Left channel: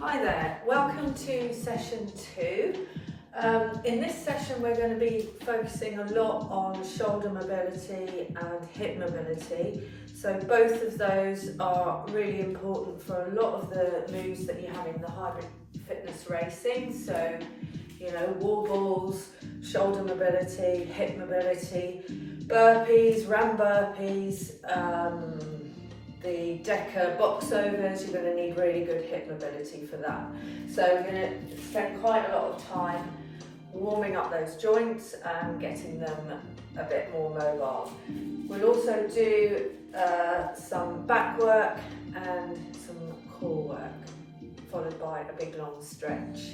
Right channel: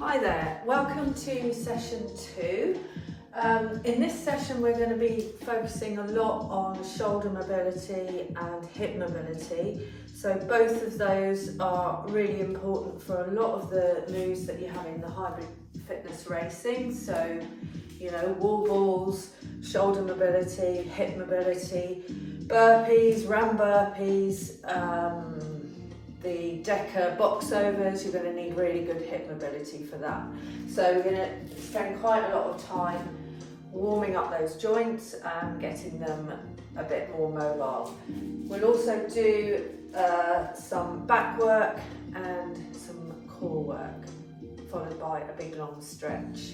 Hi there, welcome to session 2. In this session we're going to be focusing a lot on shoulder mobility and hip mobility. So both of those are really important for a lot of the moves that you have in the hybrid fitness racing. So, you know, wall balls, shoulder mobility, hip mobility, burpees, ram burpees, the Decker box overs. You're going to need really good hip mobility for that. So we're going to spend quite a lot of time warming up those joints and getting them a bit more mobile. We'll also do some back work and some core work, followed by a big long stretch.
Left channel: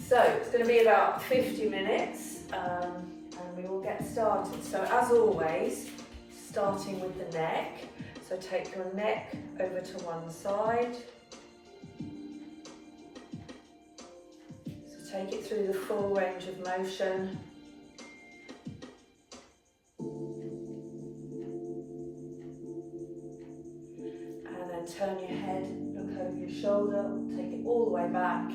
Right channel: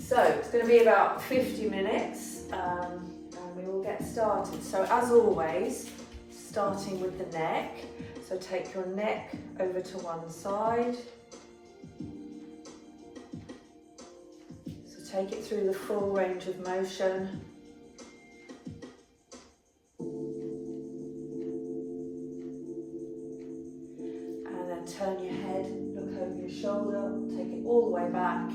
So it's going to be about 50 minutes and we will get started. So as always, starting with the neck. So take your neck over to one side. So take it through the full range of motion. And then turn your head, look over your shoulder, take it all the way back.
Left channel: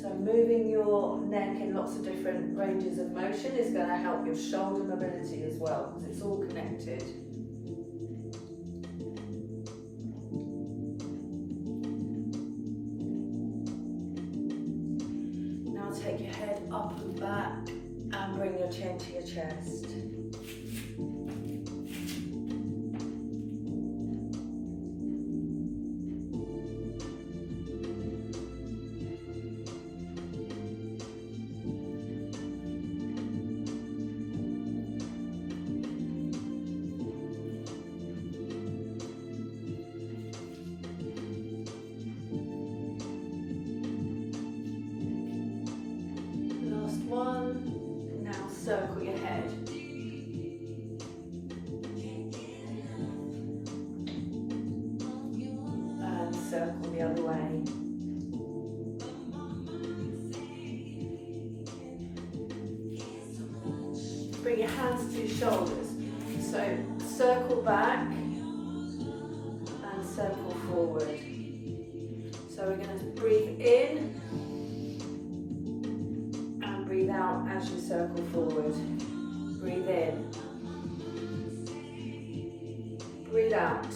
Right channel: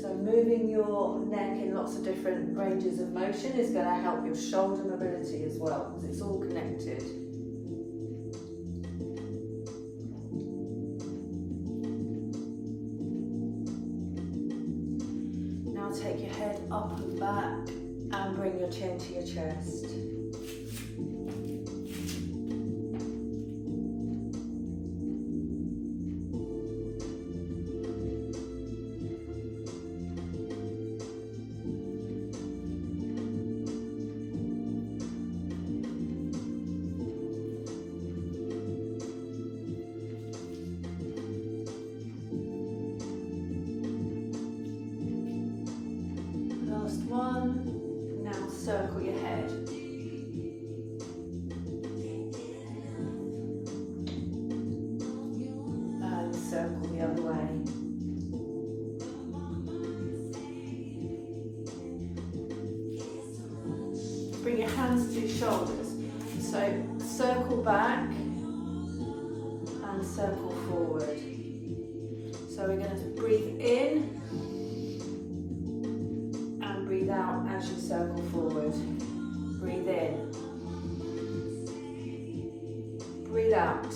So moving your neck in lots of different ranges of motion is going to help your shoulder mobility as well, because it's all connected. Now take your head up and back and bring your chin to your chest. One. Now circle your head. And circle the other way. Bring your hands to your shoulders. So circle back and circle forward. So we're going to breathe in. Breathe out as you circle forward. Breathe in. Breathe out.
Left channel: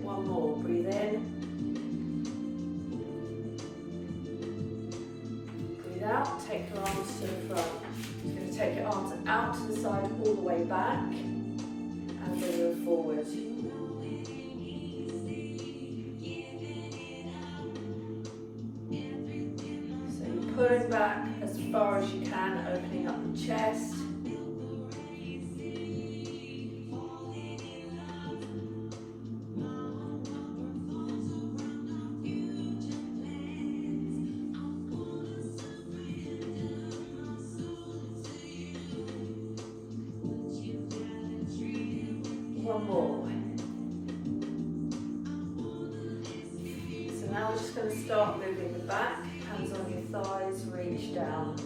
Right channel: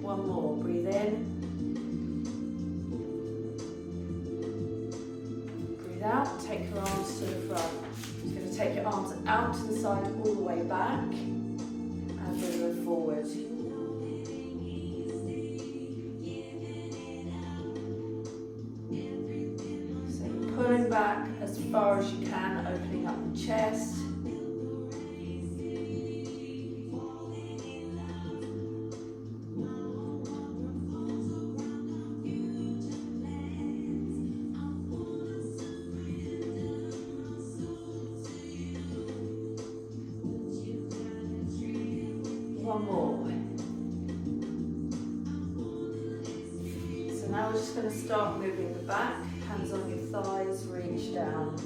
One more. Breathe in. Breathe out. Take your arms to the front. You're going to take your arms out to the side all the way back and bring them forward. So you're pulling back as far as you can, opening up the chest. One more. So now we're just going to start moving the back, hands on your thighs, reach down.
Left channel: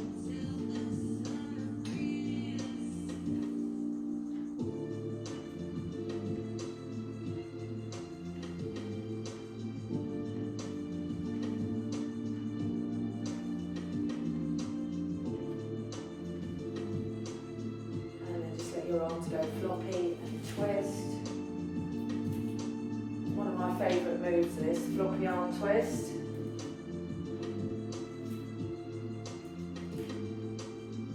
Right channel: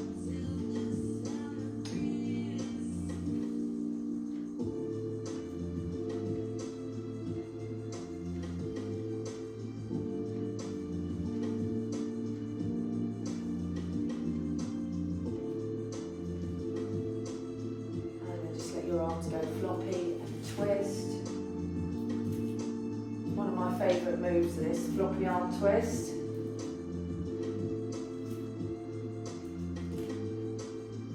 And then just let your arms go floppy and twist. One of my favourite moves is this floppy arm twist.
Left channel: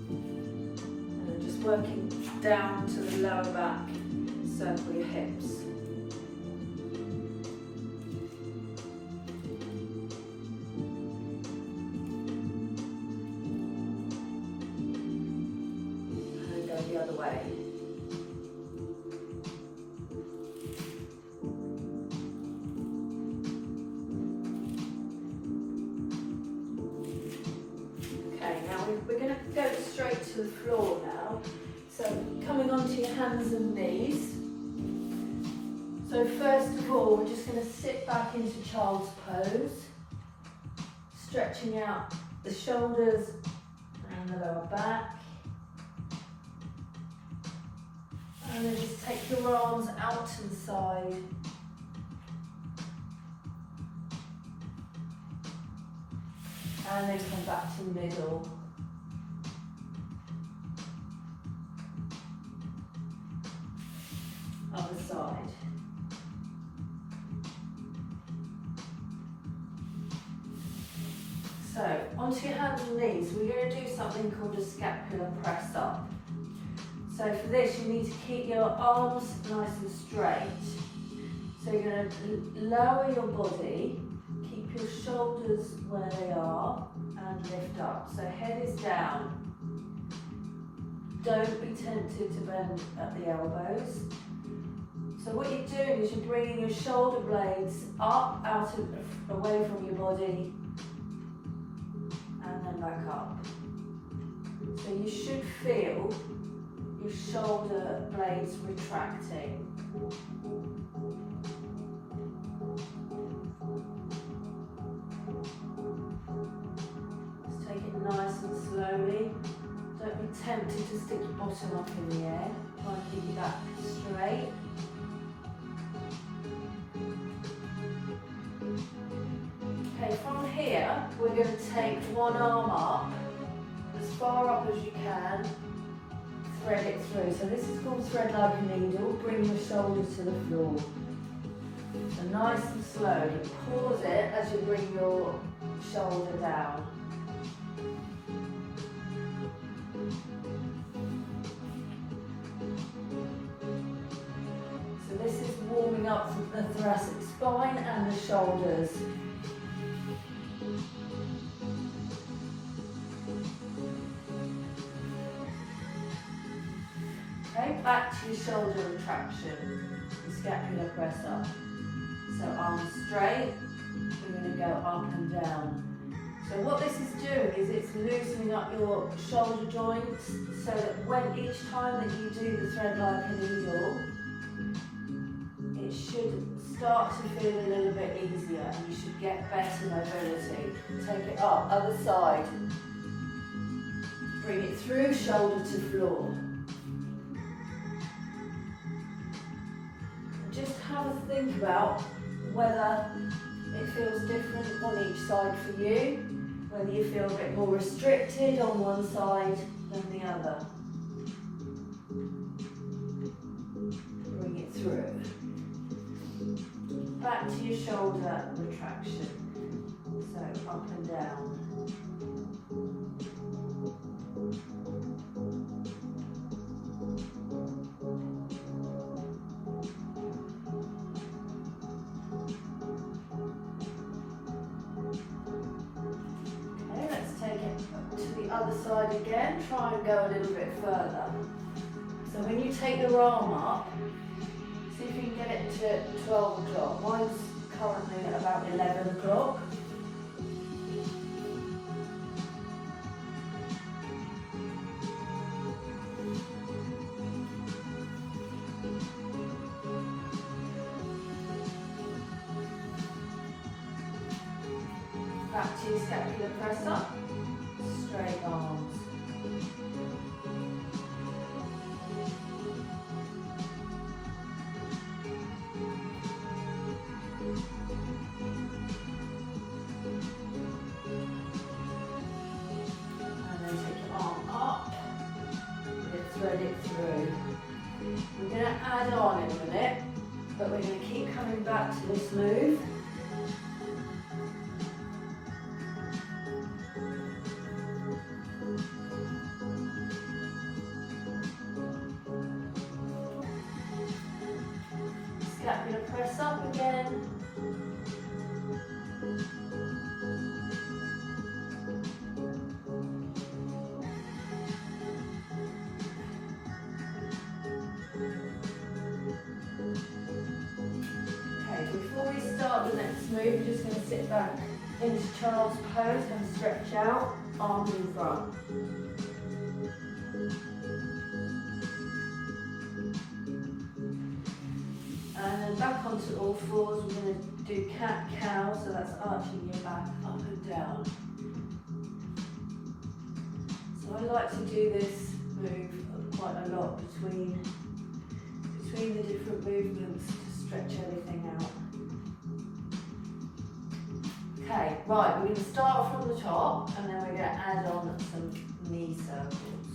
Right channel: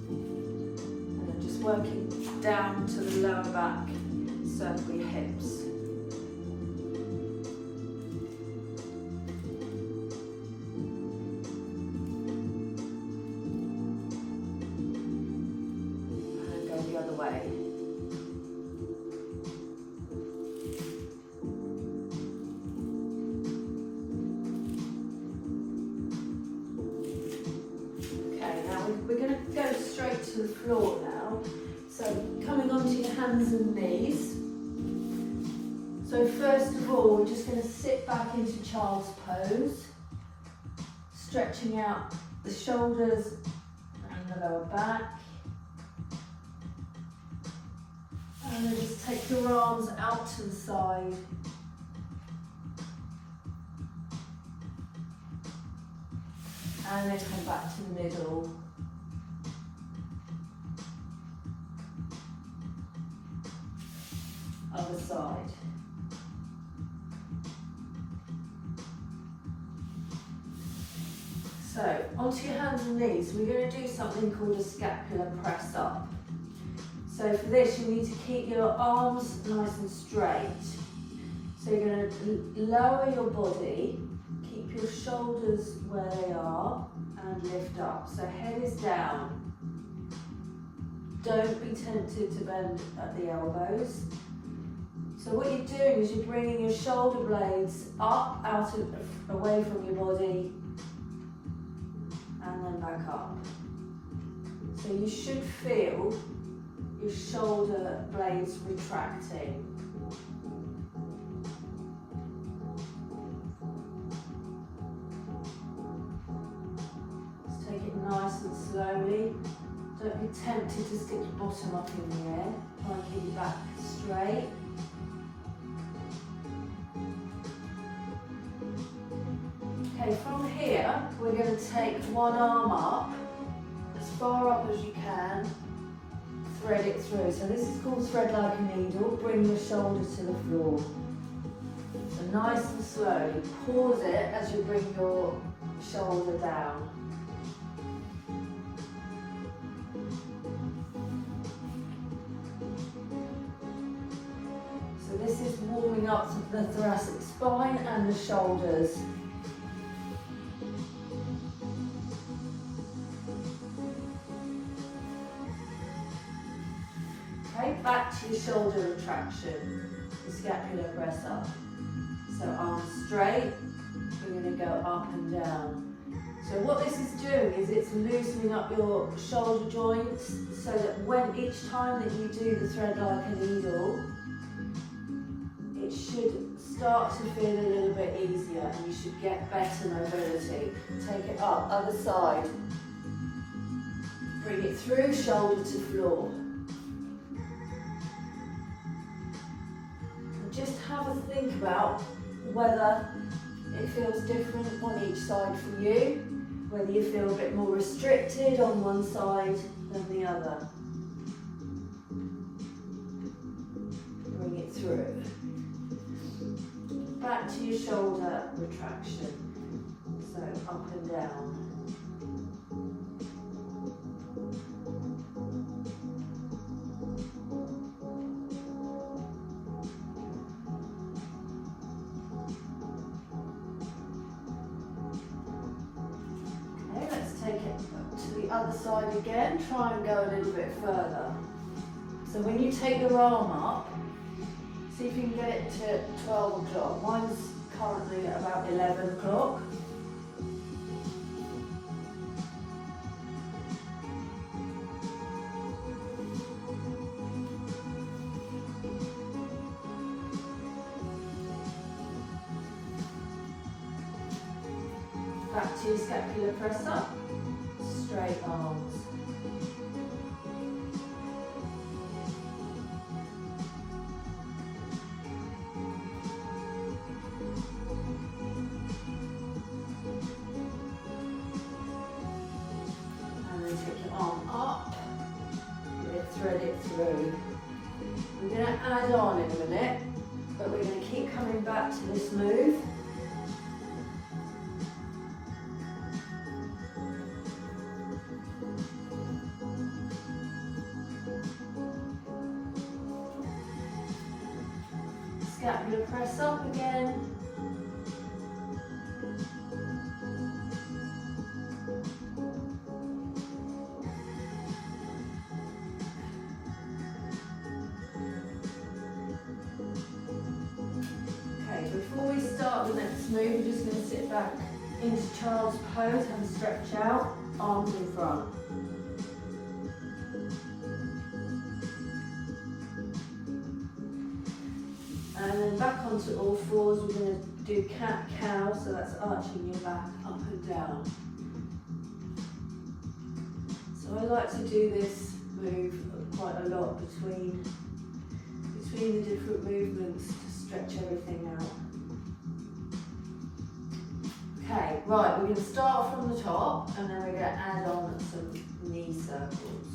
And then just working down to the lower back, circle your hips. And go the other way. We're going to go straight to the floor now. So coming onto your hands and knees, So first of all, we're just going to sit back into child's pose, stretching out the shoulders and the lower back. And then just take your arms out to the side. And then come back to the middle. Other side. So, onto your hands and knees, we're going to do something called a scapular press up. So for this, you need to keep your arms nice and straight. So you're going to lower your body, keep your shoulders where they are, and lift up. So head is down. Don't be tempted to bend at the elbows. So what you're doing is you're bringing your shoulder blades up, away from your body, and then back up. So you should feel your shoulder blades retracting. Just take it nice and slowly. Don't be tempted to stick your bottom up in the air. Try and keep your back straight. Okay, from here, we're going to take one arm up, as far up as you can, thread it through. So this is called thread like a needle. Bring your shoulder to the floor. So nice and slowly, pause it as you bring your shoulder down. So this is warming up the thoracic spine and the shoulders. Okay, back to your shoulder retraction, the scapular press up. So arms straight, we're going to go up and down. So what this is doing is it's loosening up your shoulder joints so that when each time that you do the thread like a needle, it should start to feel a little bit easier and you should get better mobility. Take it up, other side. Bring it through, shoulder to floor. Just have a think about whether it feels different on each side for you, whether you feel a bit more restricted on one side than the other. Bring it through. Back to your shoulder retraction. So up and down. Other side again, try and go a little bit further. So when you take your arm up, see if you can get it to 12 o'clock. Mine's currently at about 11 o'clock. Back to your scapular press up. Straight arms. And then take your arm up, thread it through. We're going to add on in a minute, but we're going to keep coming back to this move. Scapular press up again. Okay, before we start the next move, we're just going to sit back into child's pose and stretch out, arms in front. And then then back onto all fours. We're going to do cat-cow, so that's arching your back up and down. So I like to do this move quite a lot between the different movements to stretch everything out. Okay, right, we're going to start from the top and then we're going to add on some knee circles.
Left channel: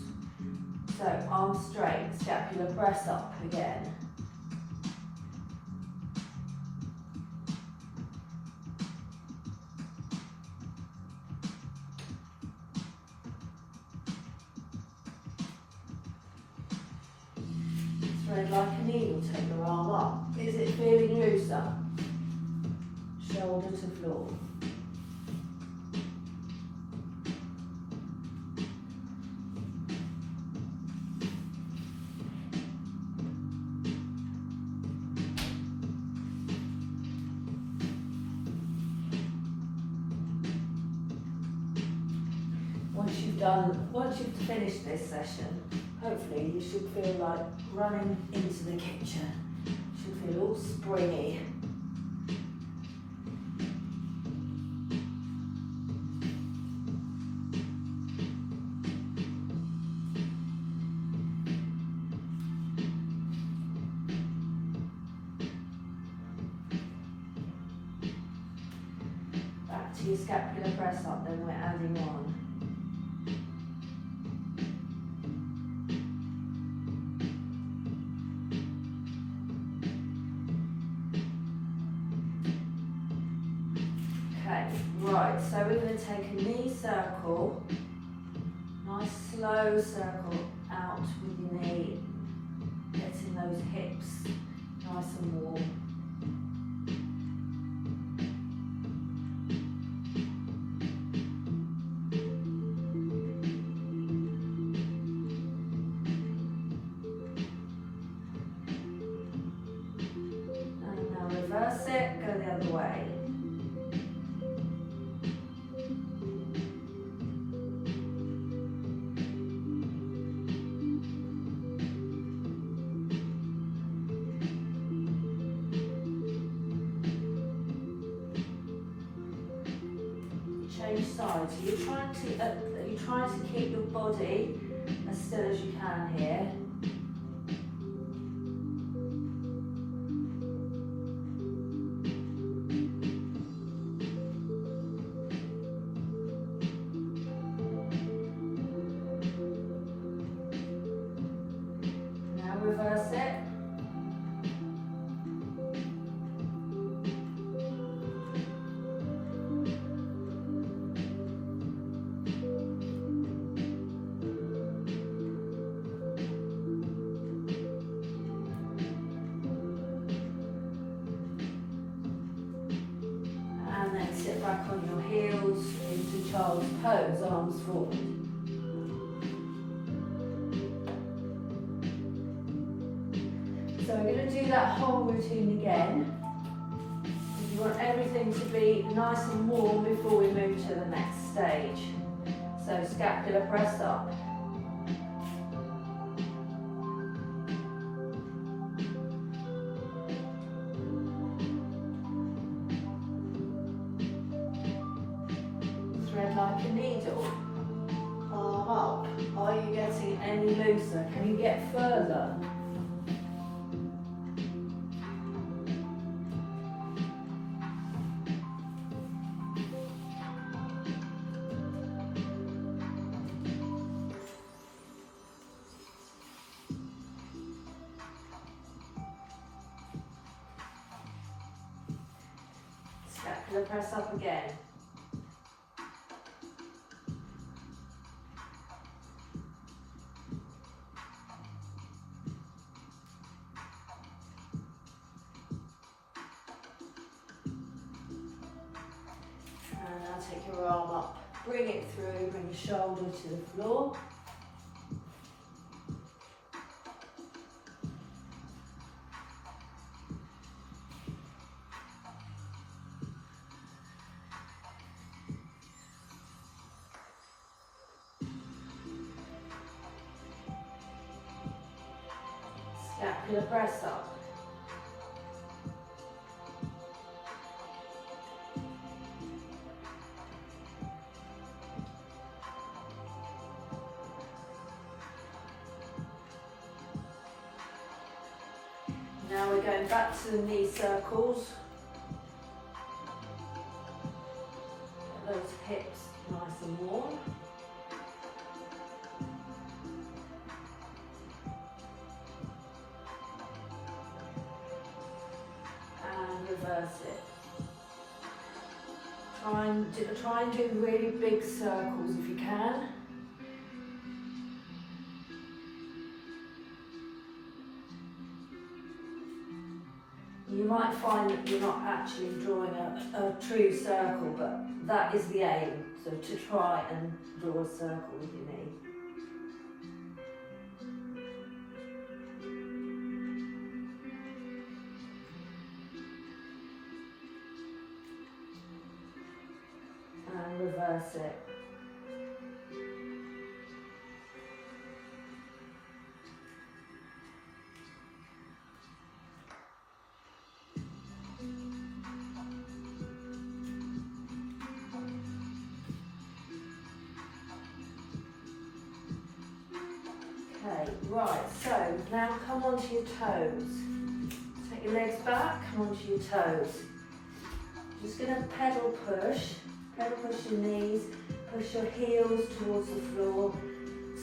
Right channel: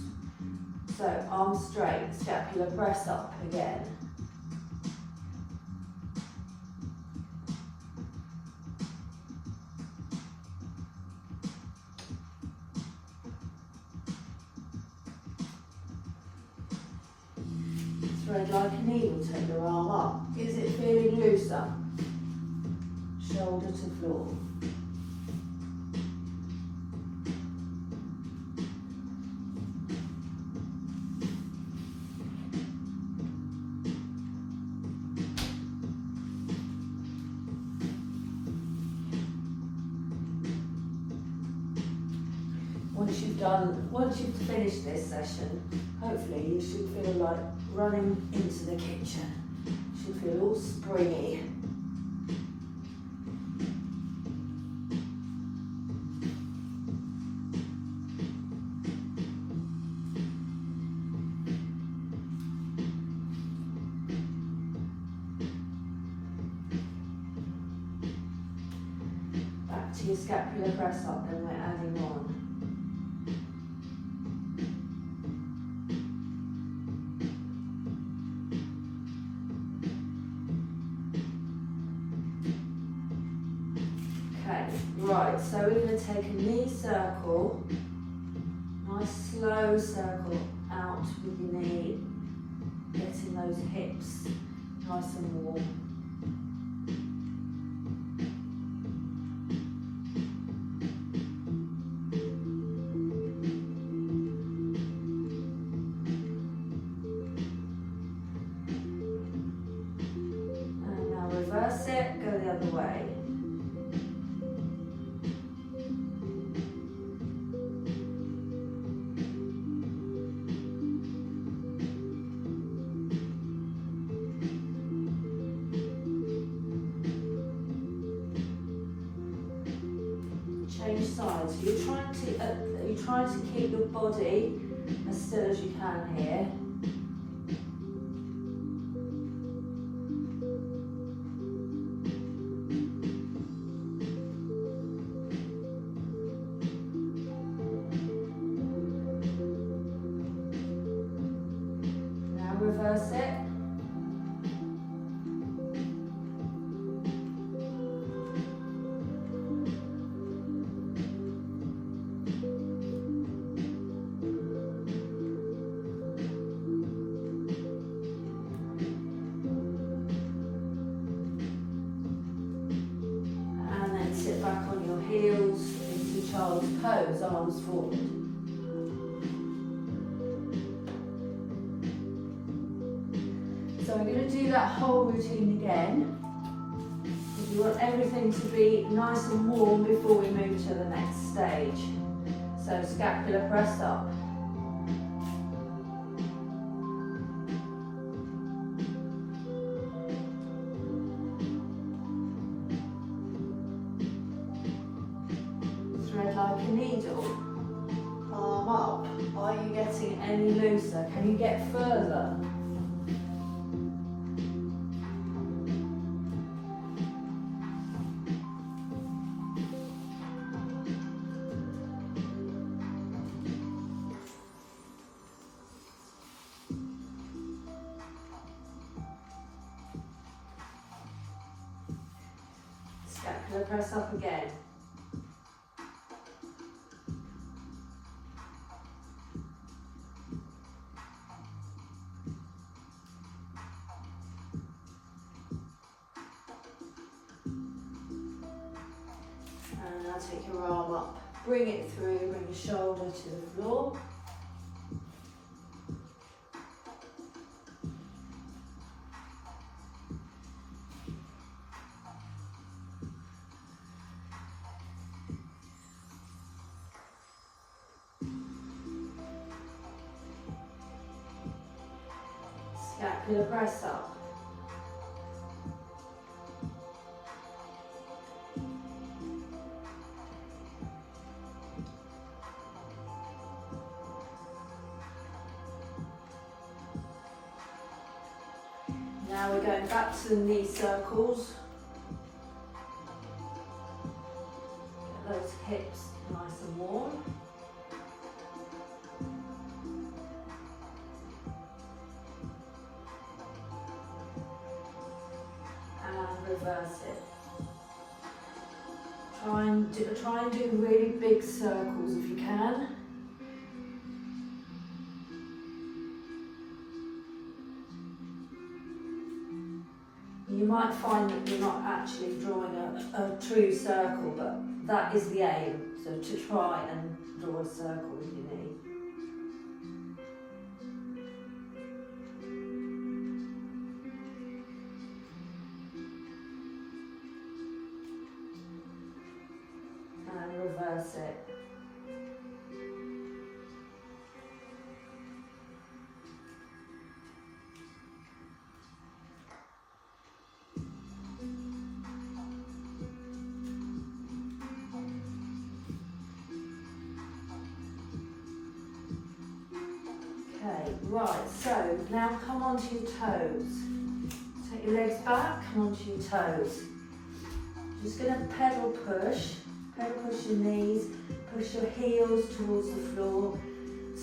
So arms straight, scapula press up again. Thread like a needle, take your arm up. Is it feeling looser? Shoulder to floor. Once you've finished this session, hopefully you should feel like running into the kitchen. You should feel all springy. Back to your scapular press up, then we're adding on. Right, so we're going to take a knee circle, nice slow circle out with your knee, getting those hips nice and warm. And now reverse it, go the other way. Change sides. So you're trying to keep your body as still as you can here. Now reverse it. Sit back on your heels into child's pose, arms forward. So we're going to do that whole routine again. You want everything to be nice and warm before we move to the next stage. So scapular press up. Thread like a needle. Arm up. Are you getting any looser? Can you get further? Scapular press up again. And now take your arm up, bring it through, bring your shoulder to the floor. Scapular press up. Now we're going back to the knee circles. Get those hips nice and warm. And reverse it. Try and do really big circles if you can. You might find that you're not actually drawing a true circle, but that is the aim. So to try and draw a circle with your knee. And reverse it. Okay, right, so now come onto your toes. Take your legs back, come onto your toes. Just going to pedal push your knees, push your heels towards the floor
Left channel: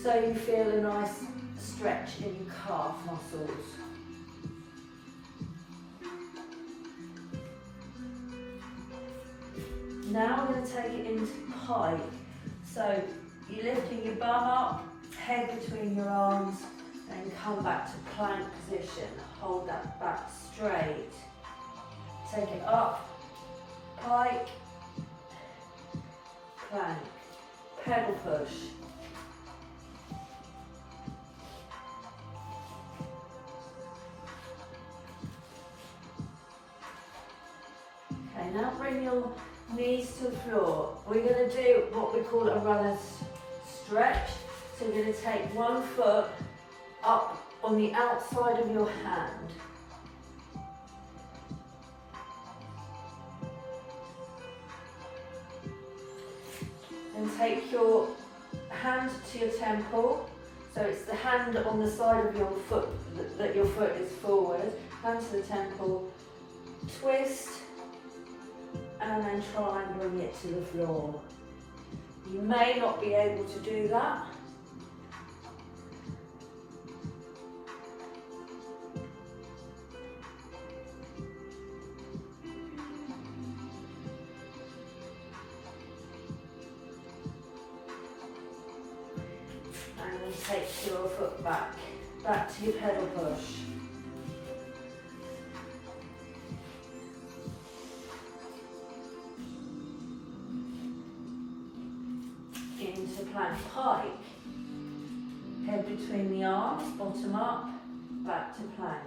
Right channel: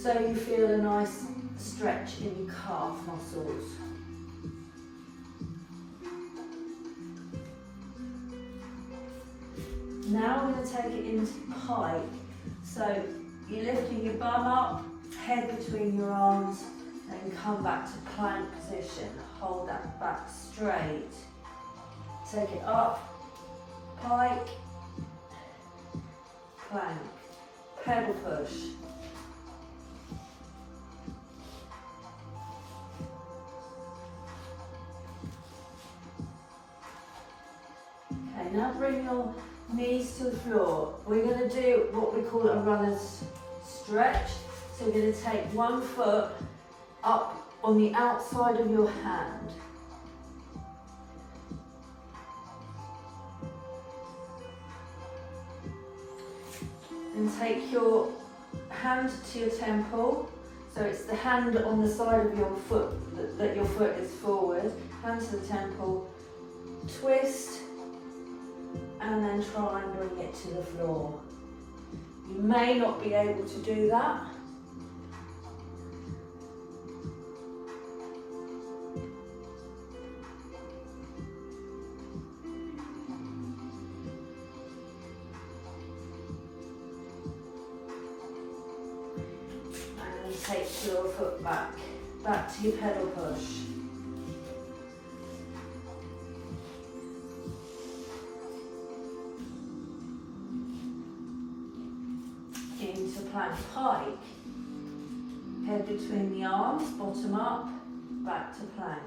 so you feel a nice stretch in your calf muscles. Now I'm going to take it into pike. So you're lifting your bum up, head between your arms, then come back to plank position. Hold that back straight. Take it up, pike, plank, pedal push. Okay, now bring your knees to the floor. We're going to do what we call a runner's stretch. So you're going to take one foot up on the outside of your hand. And take your hand to your temple. So it's the hand on the side of your foot, that your foot is forward. Hand to the temple, twist, and then try and bring it to the floor. You may not be able to do that. And take your foot back to your pedal push. Into plank pike. Head between the arms, bottom up, back to plank.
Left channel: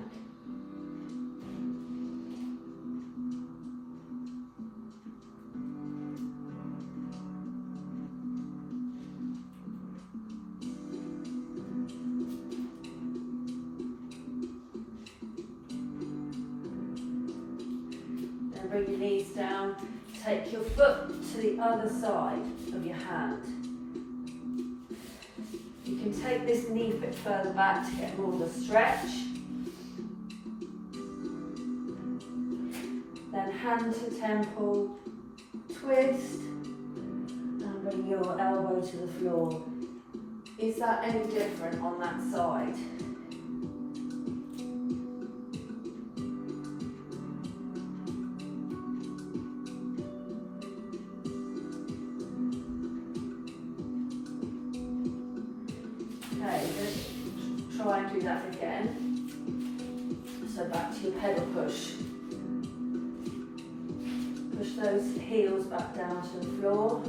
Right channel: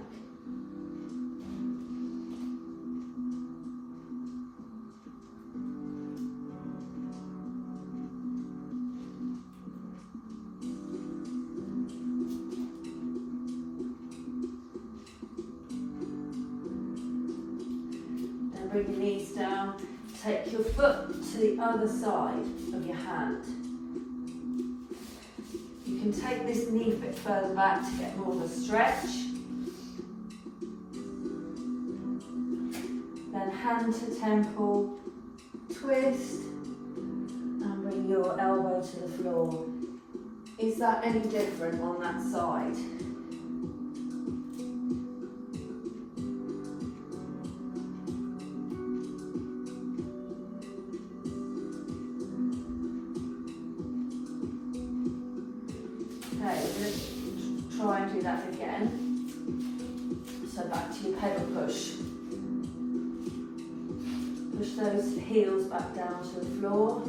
Bring your knees down, take your foot to the other side of your hand. You can take this knee a bit further back to get more of a stretch. Then hand to temple, twist, and bring your elbow to the floor. Is that any different on that side? Okay, just try and do that again. So back to your pedal push. Push those heels back down to the floor.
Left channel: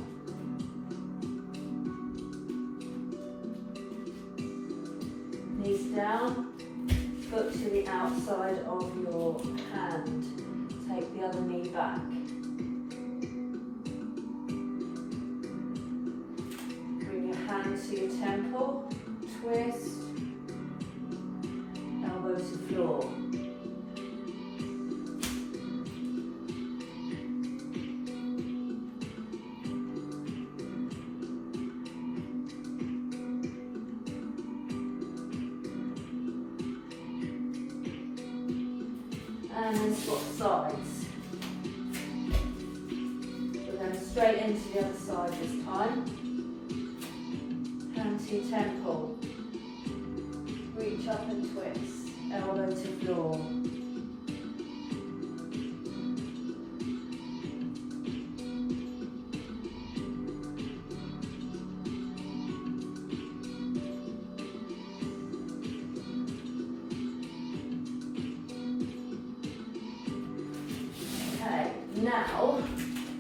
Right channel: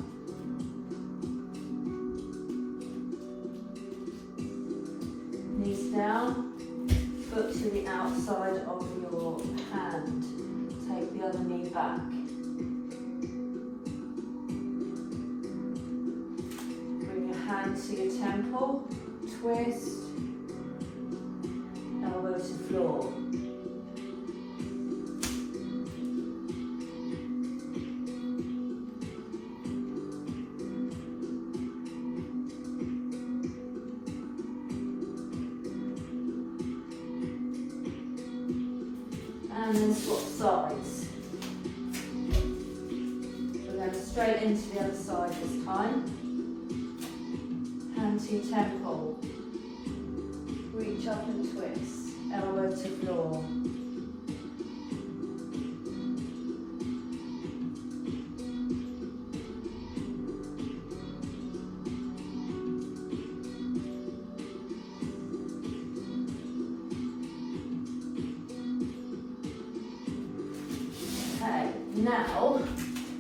Knees down, foot to the outside of your hand. Take the other knee back. Bring your hand to your temple. Twist, elbow to floor. and then swap sides. We're going straight into the other side this time. Hand to temple. Reach up and twist. Elbow to floor.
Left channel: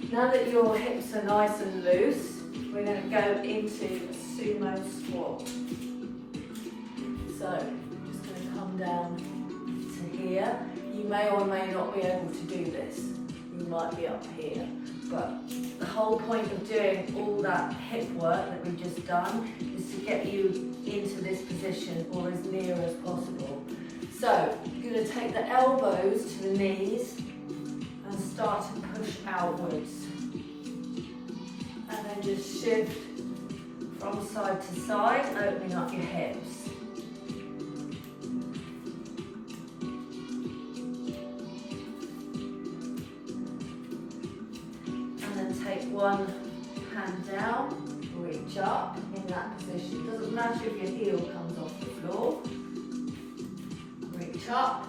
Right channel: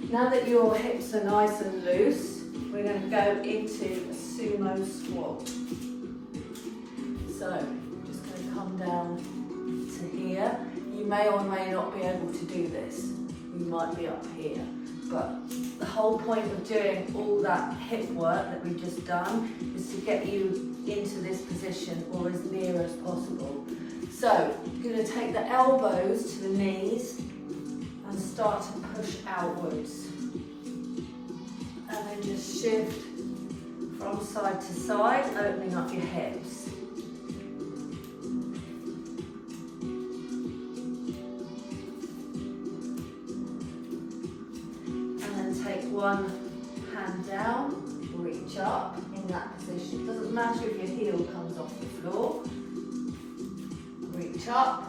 Now that your hips are nice and loose, we're going to go into a sumo squat. So, I'm just going to come down to here. You may or may not be able to do this. You might be up here. But the whole point of doing all that hip work that we've just done is to get you into this position or as near as possible. So, you're going to take the elbows to the knees and start to push outwards. And then just shift from side to side, opening up your hips. And then take one hand down, reach up in that position. Doesn't matter if your heel comes off the floor. Reach up.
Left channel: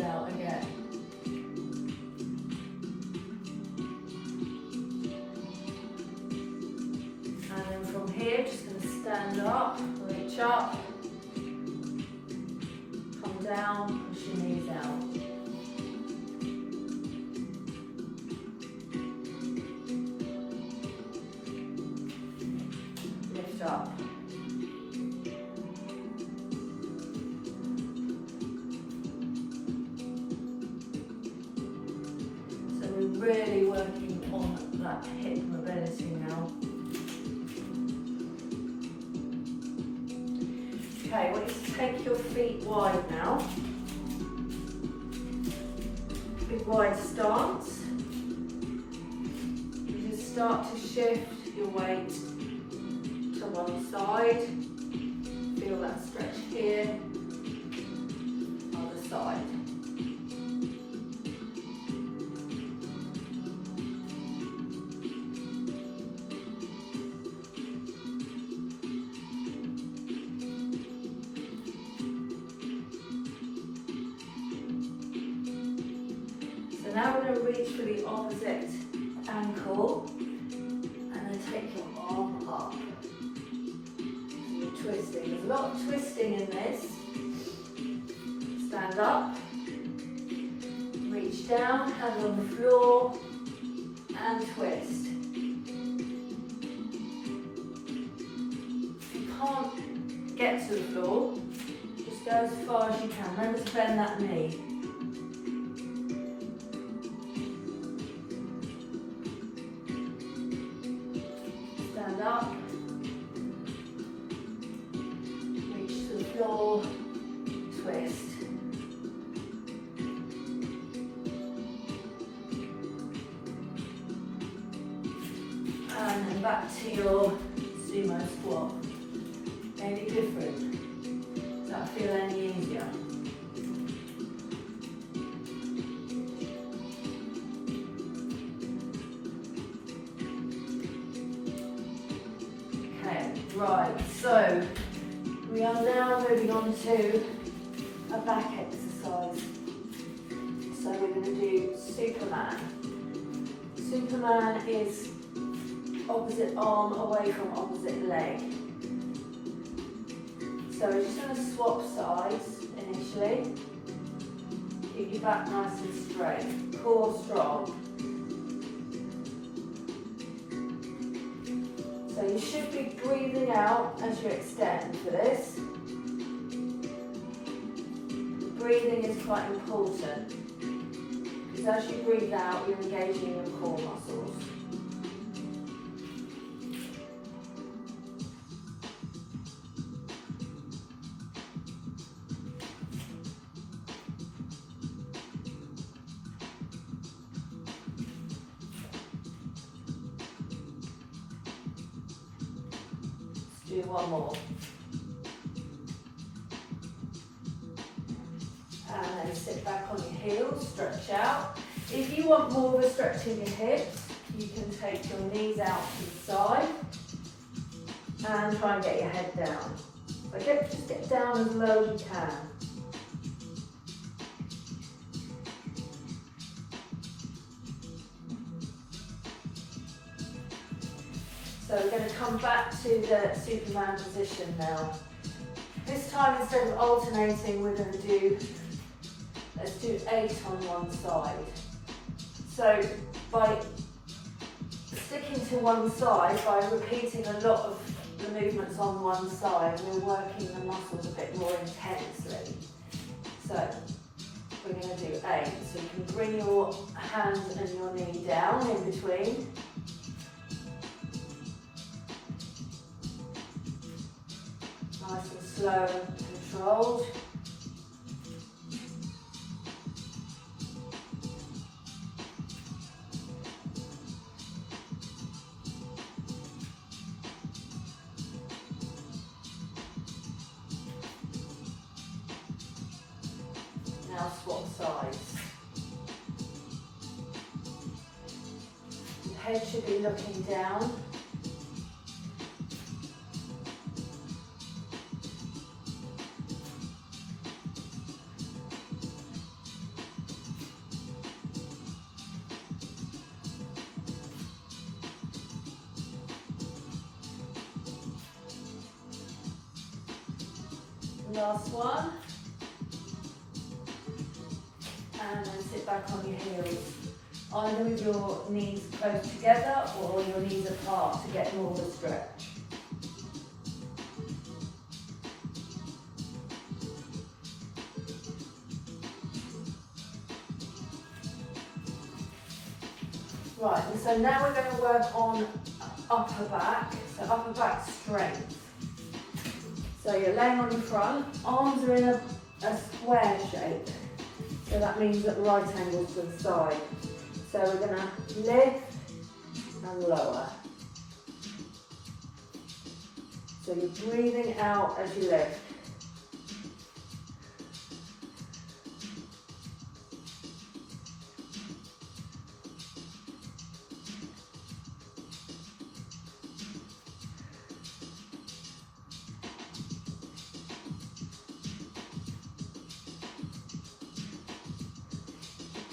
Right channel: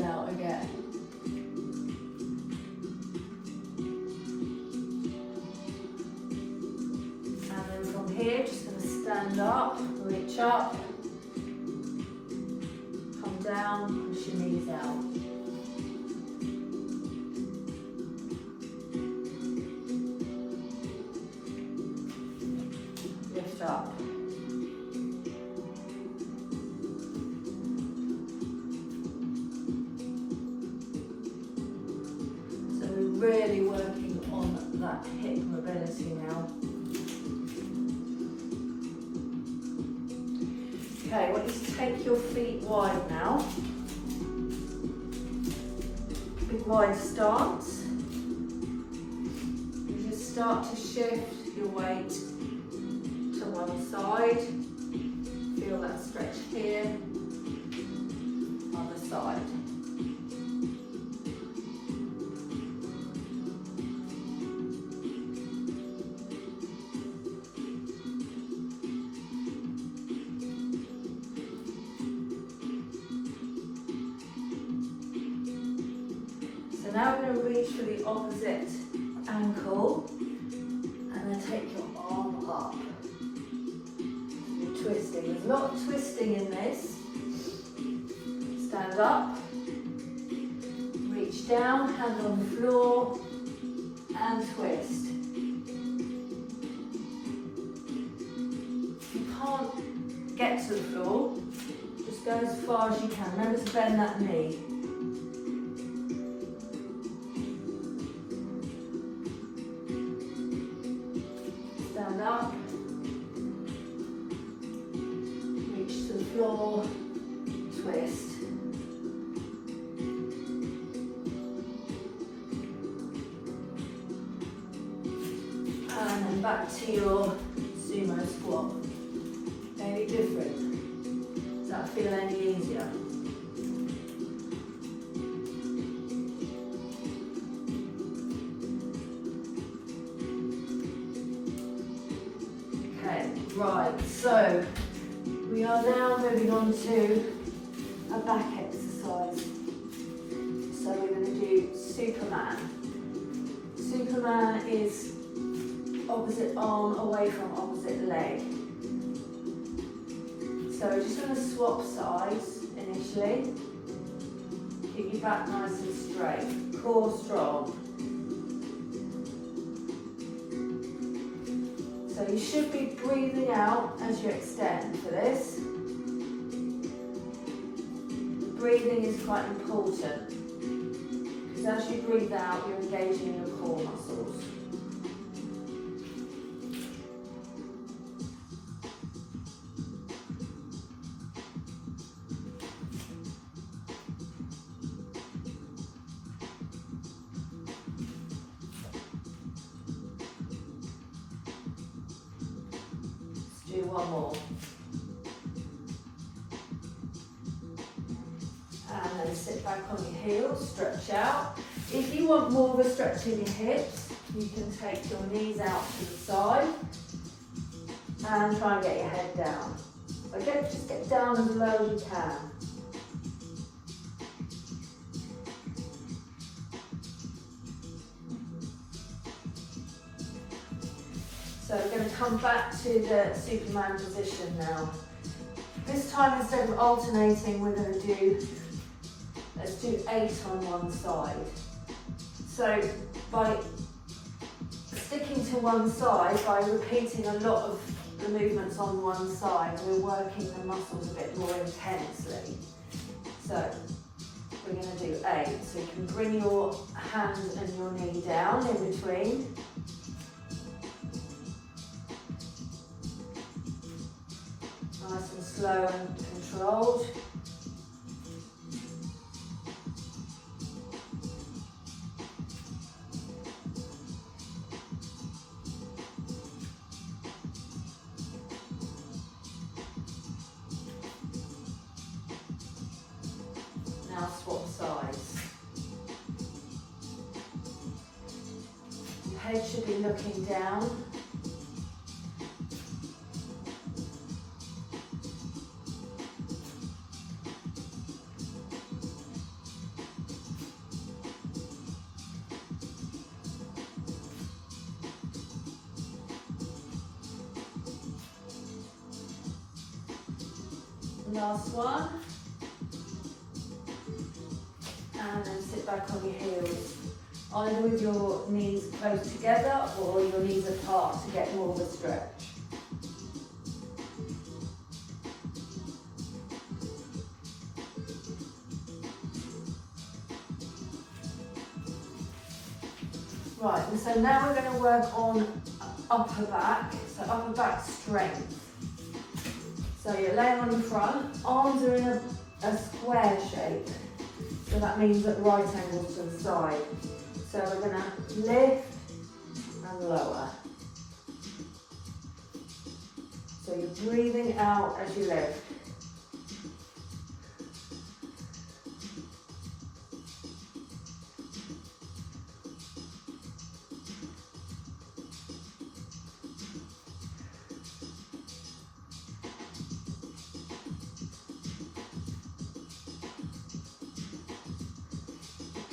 Out again. And then from here, just going to stand up, reach up, come down, push your knees out. Lift up. Really working on that hip mobility now. Okay, I want you to take your feet wide now. Big wide stance. You just start to shift your weight to one side. Feel that stretch here. Other side. Now we're going to reach for the opposite ankle and then take your arm up. So you're twisting. There's a lot of twisting in this. Stand up, reach down, hand on the floor and twist. If you can't get to the floor, just go as far as you can. Remember to bend that knee. Stand up, reach to the floor, twist. And then back to your sumo squat. Any different? Does that feel any easier? Right, so we are now moving on to a back exercise. So we're going to do Superman. Superman is opposite arm away from opposite leg. So we're just going to swap sides initially. Keep your back nice and straight, core strong. So you should be breathing out as you extend for this. The breathing is quite important because as you breathe out, you're engaging your core muscles. Do one more. And then sit back on your heels, stretch out. If you want more of a stretch in your hips, you can take your knees out to the side and try and get your head down. Okay, just get down as low as you can. So we're going to come back to the Superman position now. This time, instead of alternating, we're going to do, let's do 8 on one side. So by sticking to one side, by repeating a lot of the movements on one side, we're working the muscles a bit more intensely. So we're going to do 8. So you can bring your hand and your knee down in between. Nice and slow and controlled. Now swap sides. Your head should be looking down. Last one. And then sit back on your heels. Either with your knees close together or your knees apart to get more of a stretch. Right, and so now we're going to work on upper back, so upper back strength. So you're laying on your front, arms are in a square shape. So that means at right angles to the side. So we're going to lift and lower. So you're breathing out as you lift.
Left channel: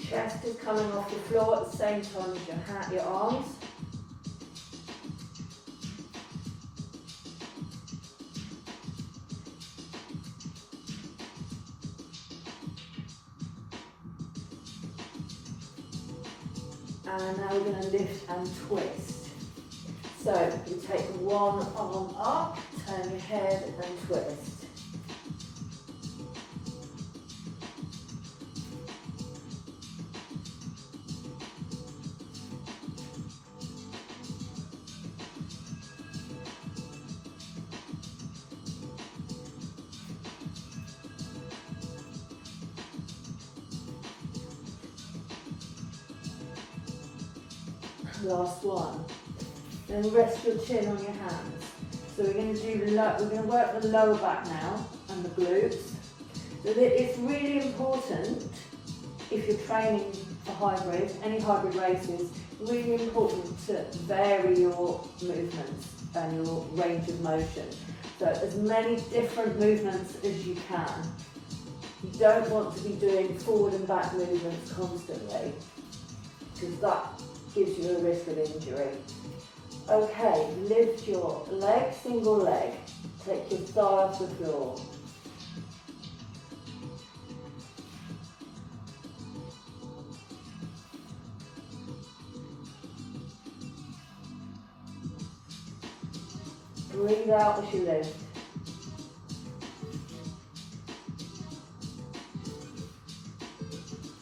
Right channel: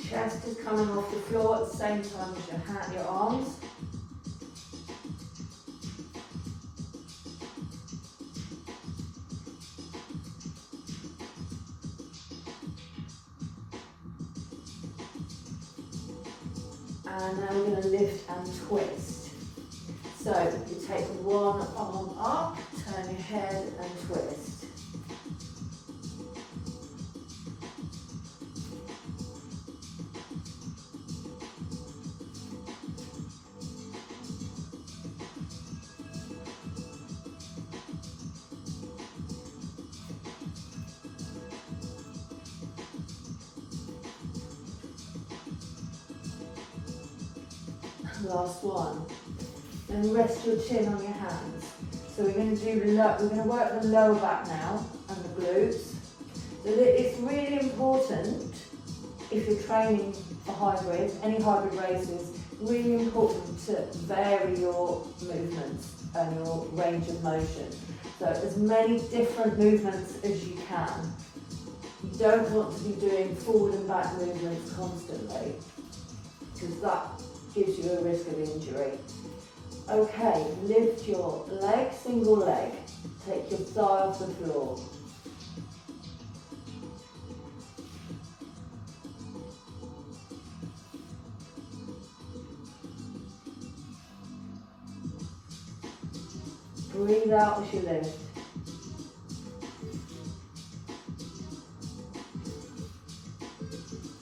Chest is coming off the floor at the same time as your arms. And now we're going to lift and twist. So you take one arm up, turn your head and twist. Last one. Then rest your chin on your hands. So we're going to work the lower back now and the glutes. So it's really important if you're training for hybrids, any hybrid races, really important to vary your movements and your range of motion. So as many different movements as you can. You don't want to be doing forward and back movements constantly, because that gives you a risk of injury. Okay, lift your leg, single leg, take your thigh off the floor. Breathe out as you lift.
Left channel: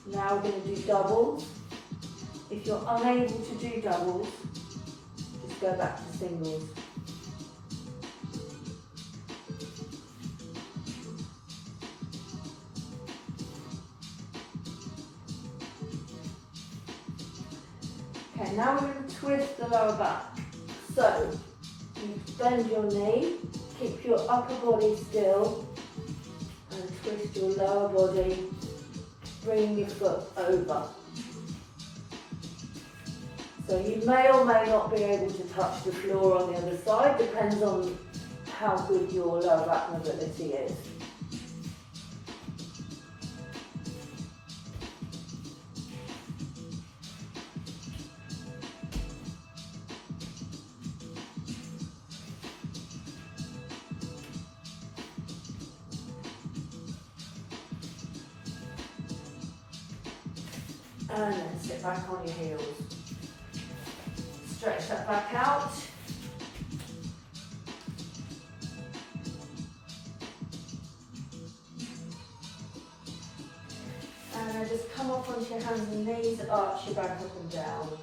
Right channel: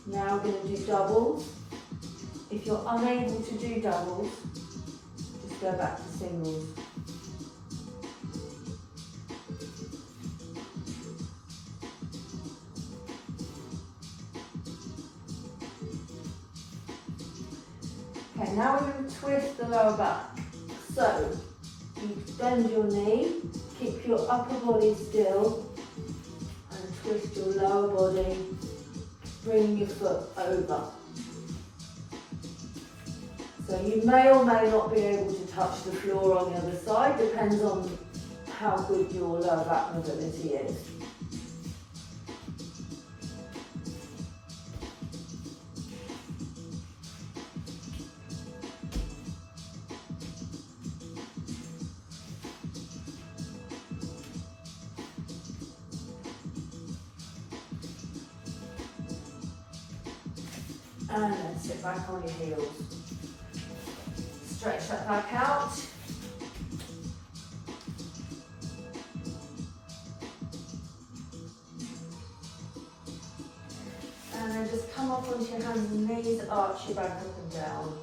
Now we're going to do doubles. If you're unable to do doubles, just go back to singles. Okay, now we're going to twist the lower back. So, You bend your knee, keep your upper body still, and twist your lower body, bring your foot over. So you may or may not be able to touch the floor on the other side, depends on how good your lower back mobility is. And then sit back on your heels. Stretch that back out. And then just come up onto your hands and knees, arch your back up and down.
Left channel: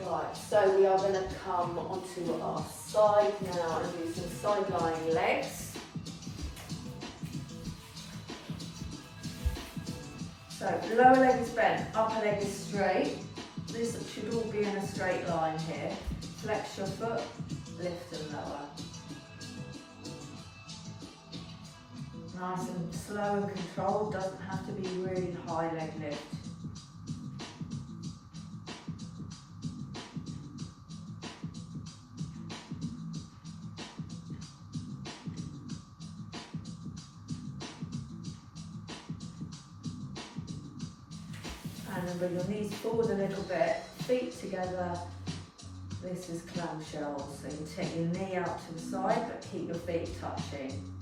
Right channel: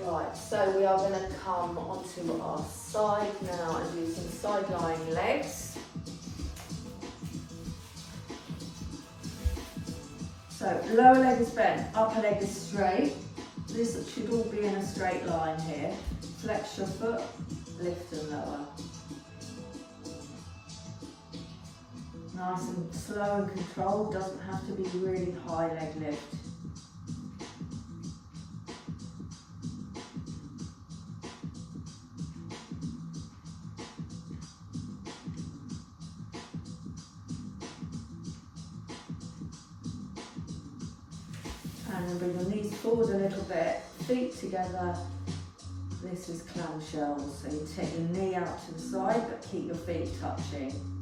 Right, so we are going to come onto our side now and do some side lying legs. So lower leg is bent, upper leg is straight. This should all be in a straight line here. Flex your foot, lift and lower. Nice and slow and controlled, doesn't have to be really high leg lift. And then bring your knees forward a little bit, feet together. This is clamshell, so you take your knee out to the side, but keep your feet touching.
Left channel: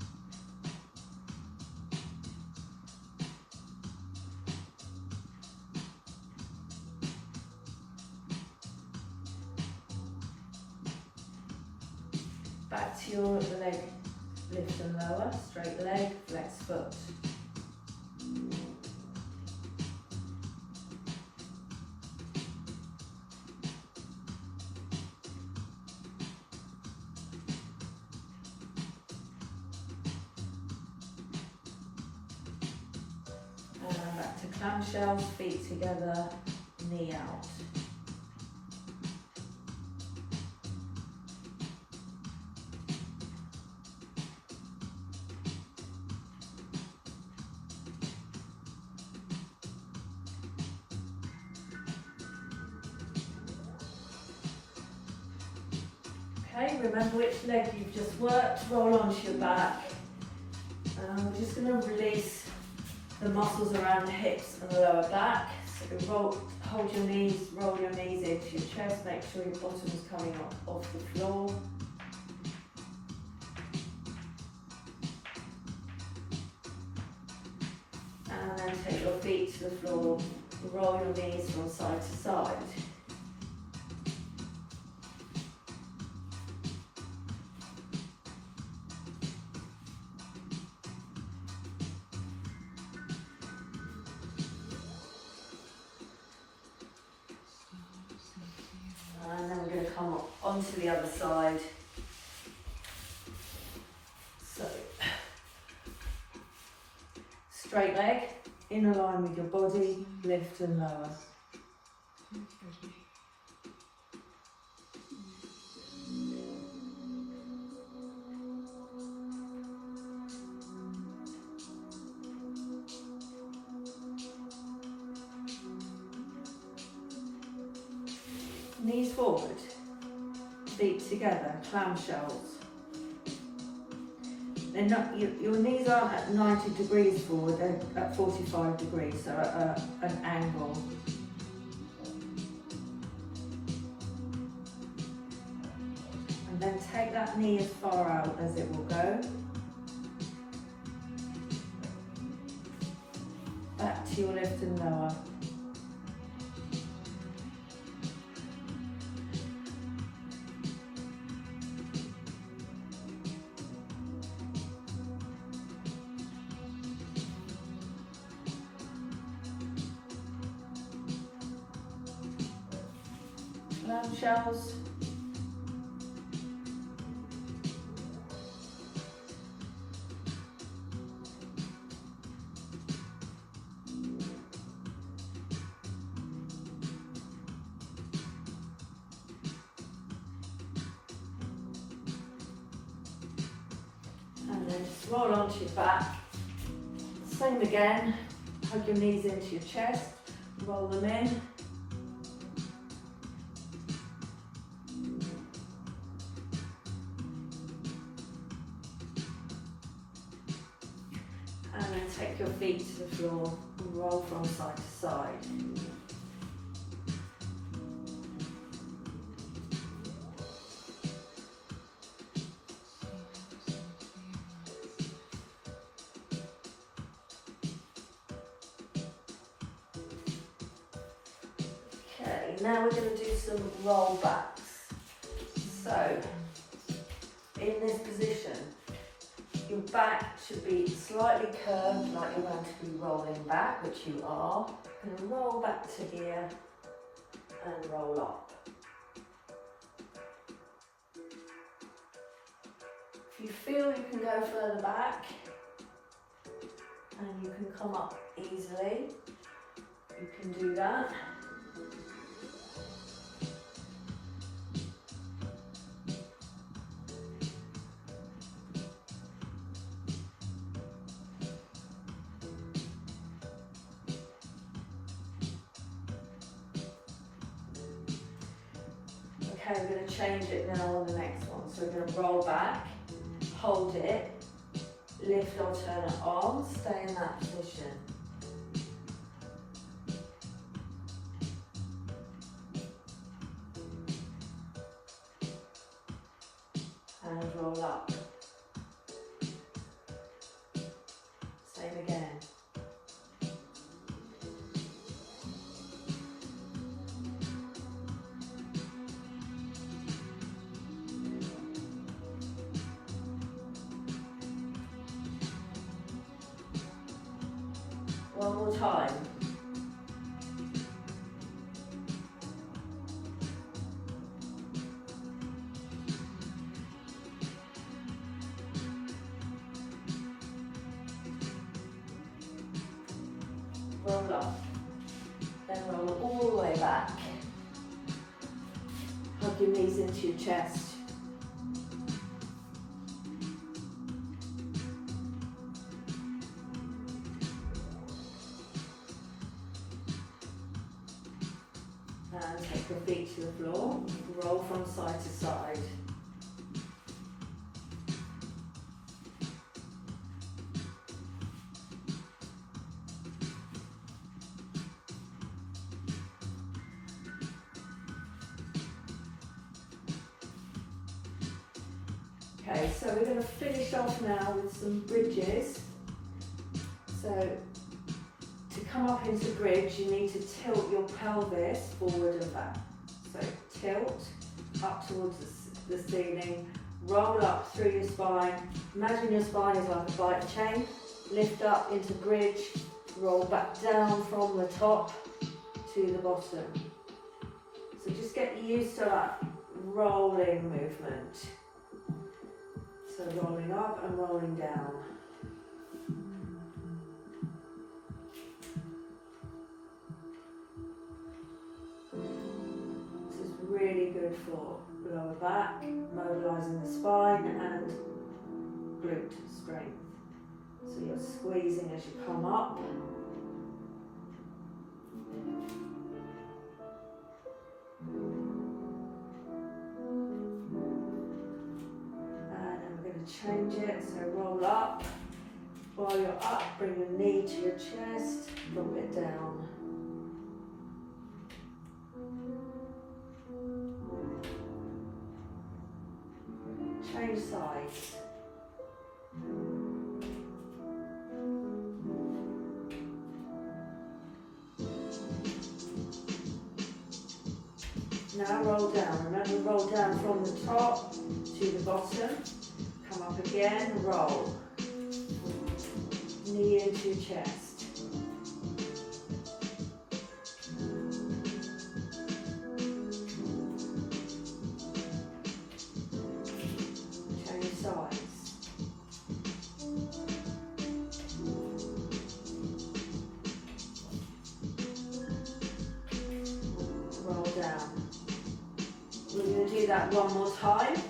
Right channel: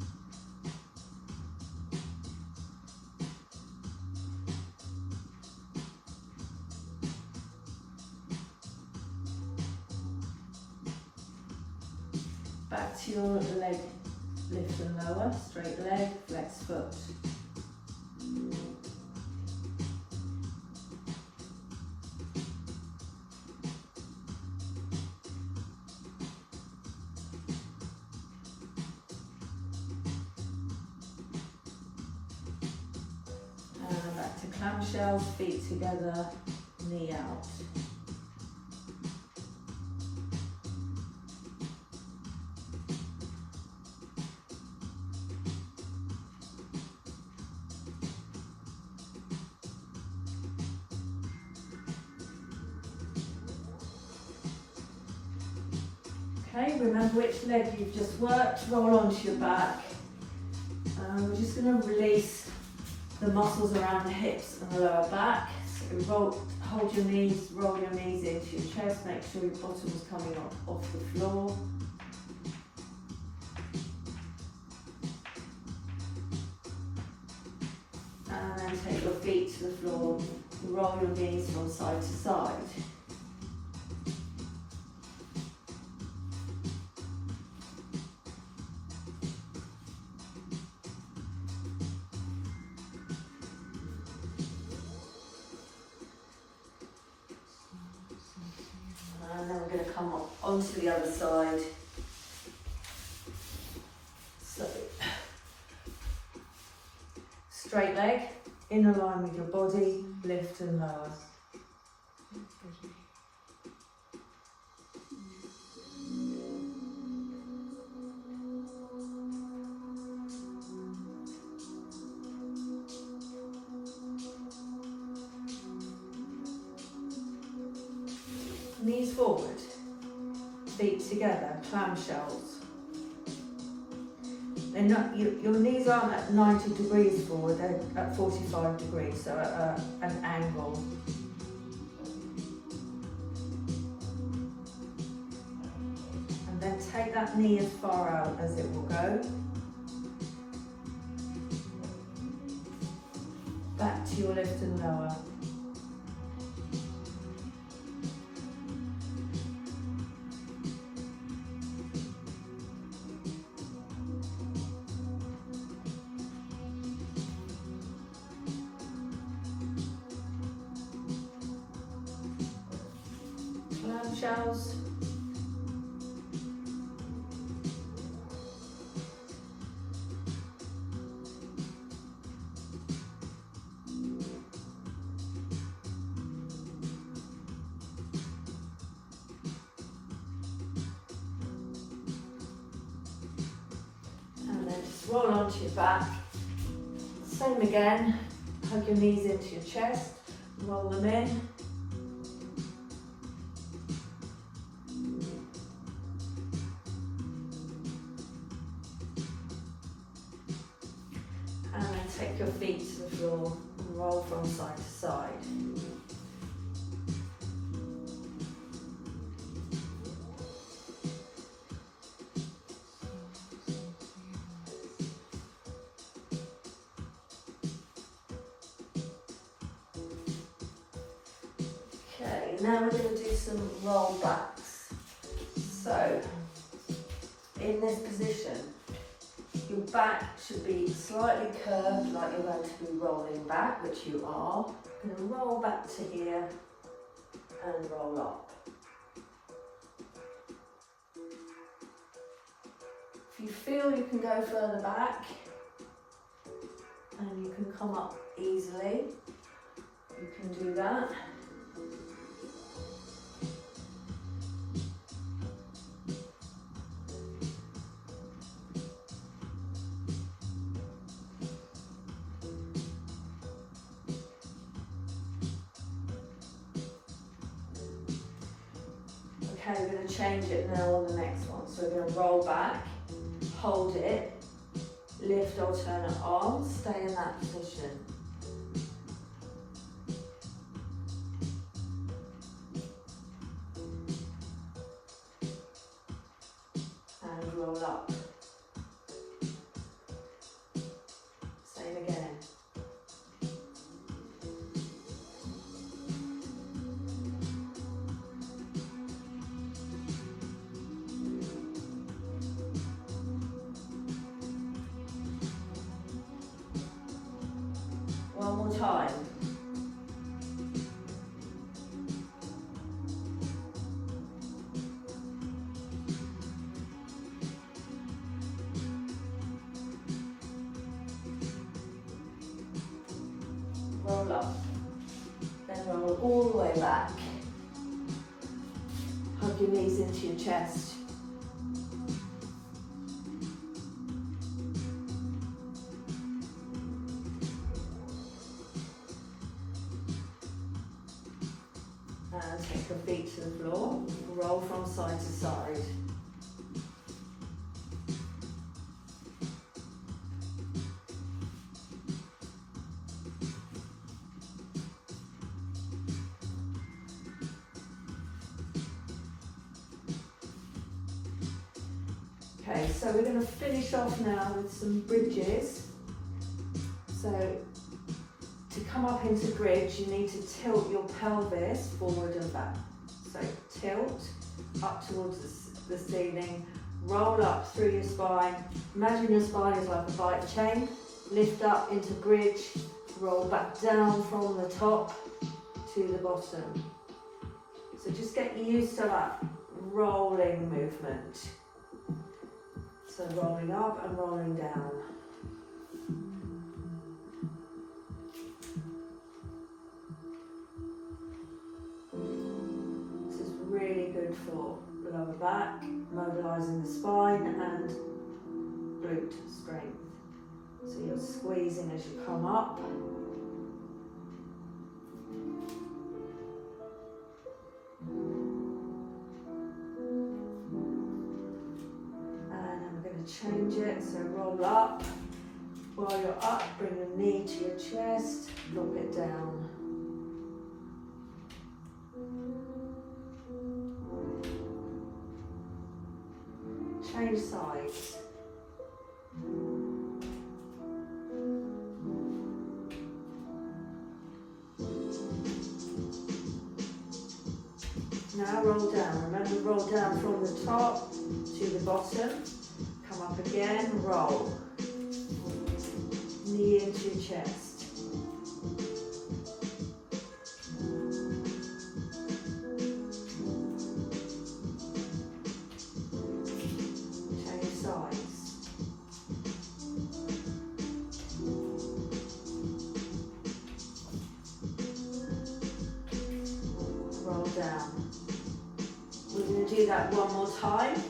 Back to your leg, lift and lower, straight leg, flex foot. Back to clamshells, feet together, knee out. Okay, remember which leg you've just worked, roll onto your back. We're just going to release the muscles around the hips and the lower back. So hold your knees, roll your knees into your chest, make sure your bottom's coming off the floor. And then take your feet to the floor, roll your knees from side to side. And then we're going to come onto the other side. So, straight leg, in a line with your body, lift and lower. Knees forward, feet together, clamshells. They're not, your knees aren't at 90 degrees forward, they're at 45 degrees, so at an angle. And then take that knee as far out as it will go. Back to your lift and lower. Clamshells. roll onto your back. Same again, hug your knees into your chest, roll them in. And then take your feet to the floor and roll from side to side. Okay, now we're going to do some roll backs. So, in this position, your back should be slightly curved, like you're going to be rolling back, which you are. You're going to roll back to here and roll up. If you feel you can go further back and you can come up easily, you can do that. Okay, we're going to change it now on the next one. So we're going to roll back, hold it, lift alternate arms, stay in that position. And roll up. Same again. One more time. Roll up. Then roll all the way back. Hug your knees into your chest. And take your feet to the floor, roll from side to side. Okay, so we're going to finish off now with some bridges. So to come up into bridge, you need to tilt your pelvis forward and back. So tilt up towards the ceiling, roll up through your spine. Imagine your spine is like a bike chain. Lift up into bridge, roll back down from the top to the bottom. So just get used to that rolling movement. So rolling up and rolling down. This is really good for lower back, mobilising the spine and glute strength. So you're squeezing as you come up. Change it, so roll up. While you're up, bring your knee to your chest, drop it down. Change sides. Now roll down. Remember, roll down from the top to the bottom. Come up again, roll. Knee into your chest. Change sides. Roll down. We're going to do that one more time.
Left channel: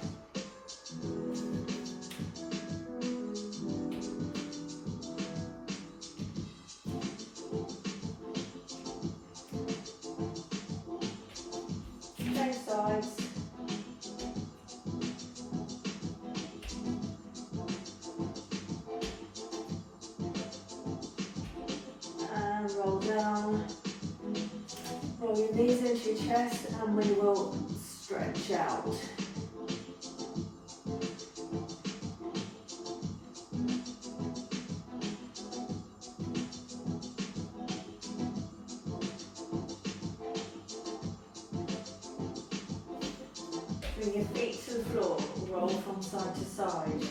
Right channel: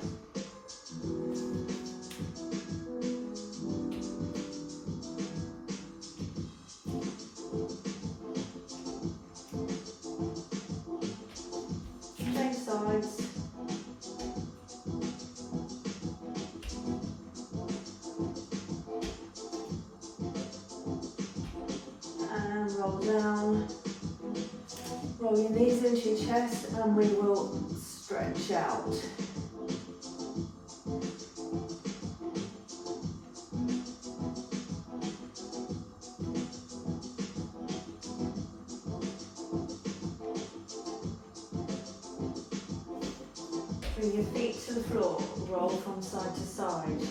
Roll your knees into your chest and we will stretch out. Bring your feet to the floor, roll from side to side.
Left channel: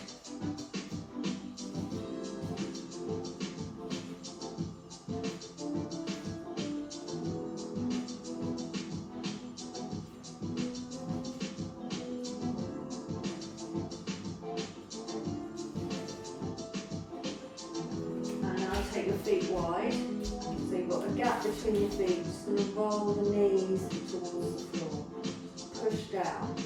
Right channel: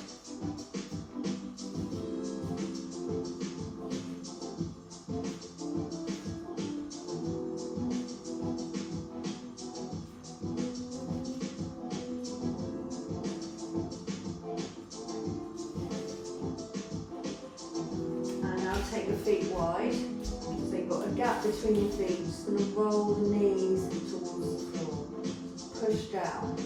And now take your feet wide. So you've got a gap between your feet. Just going to roll the knees towards the floor. Push down.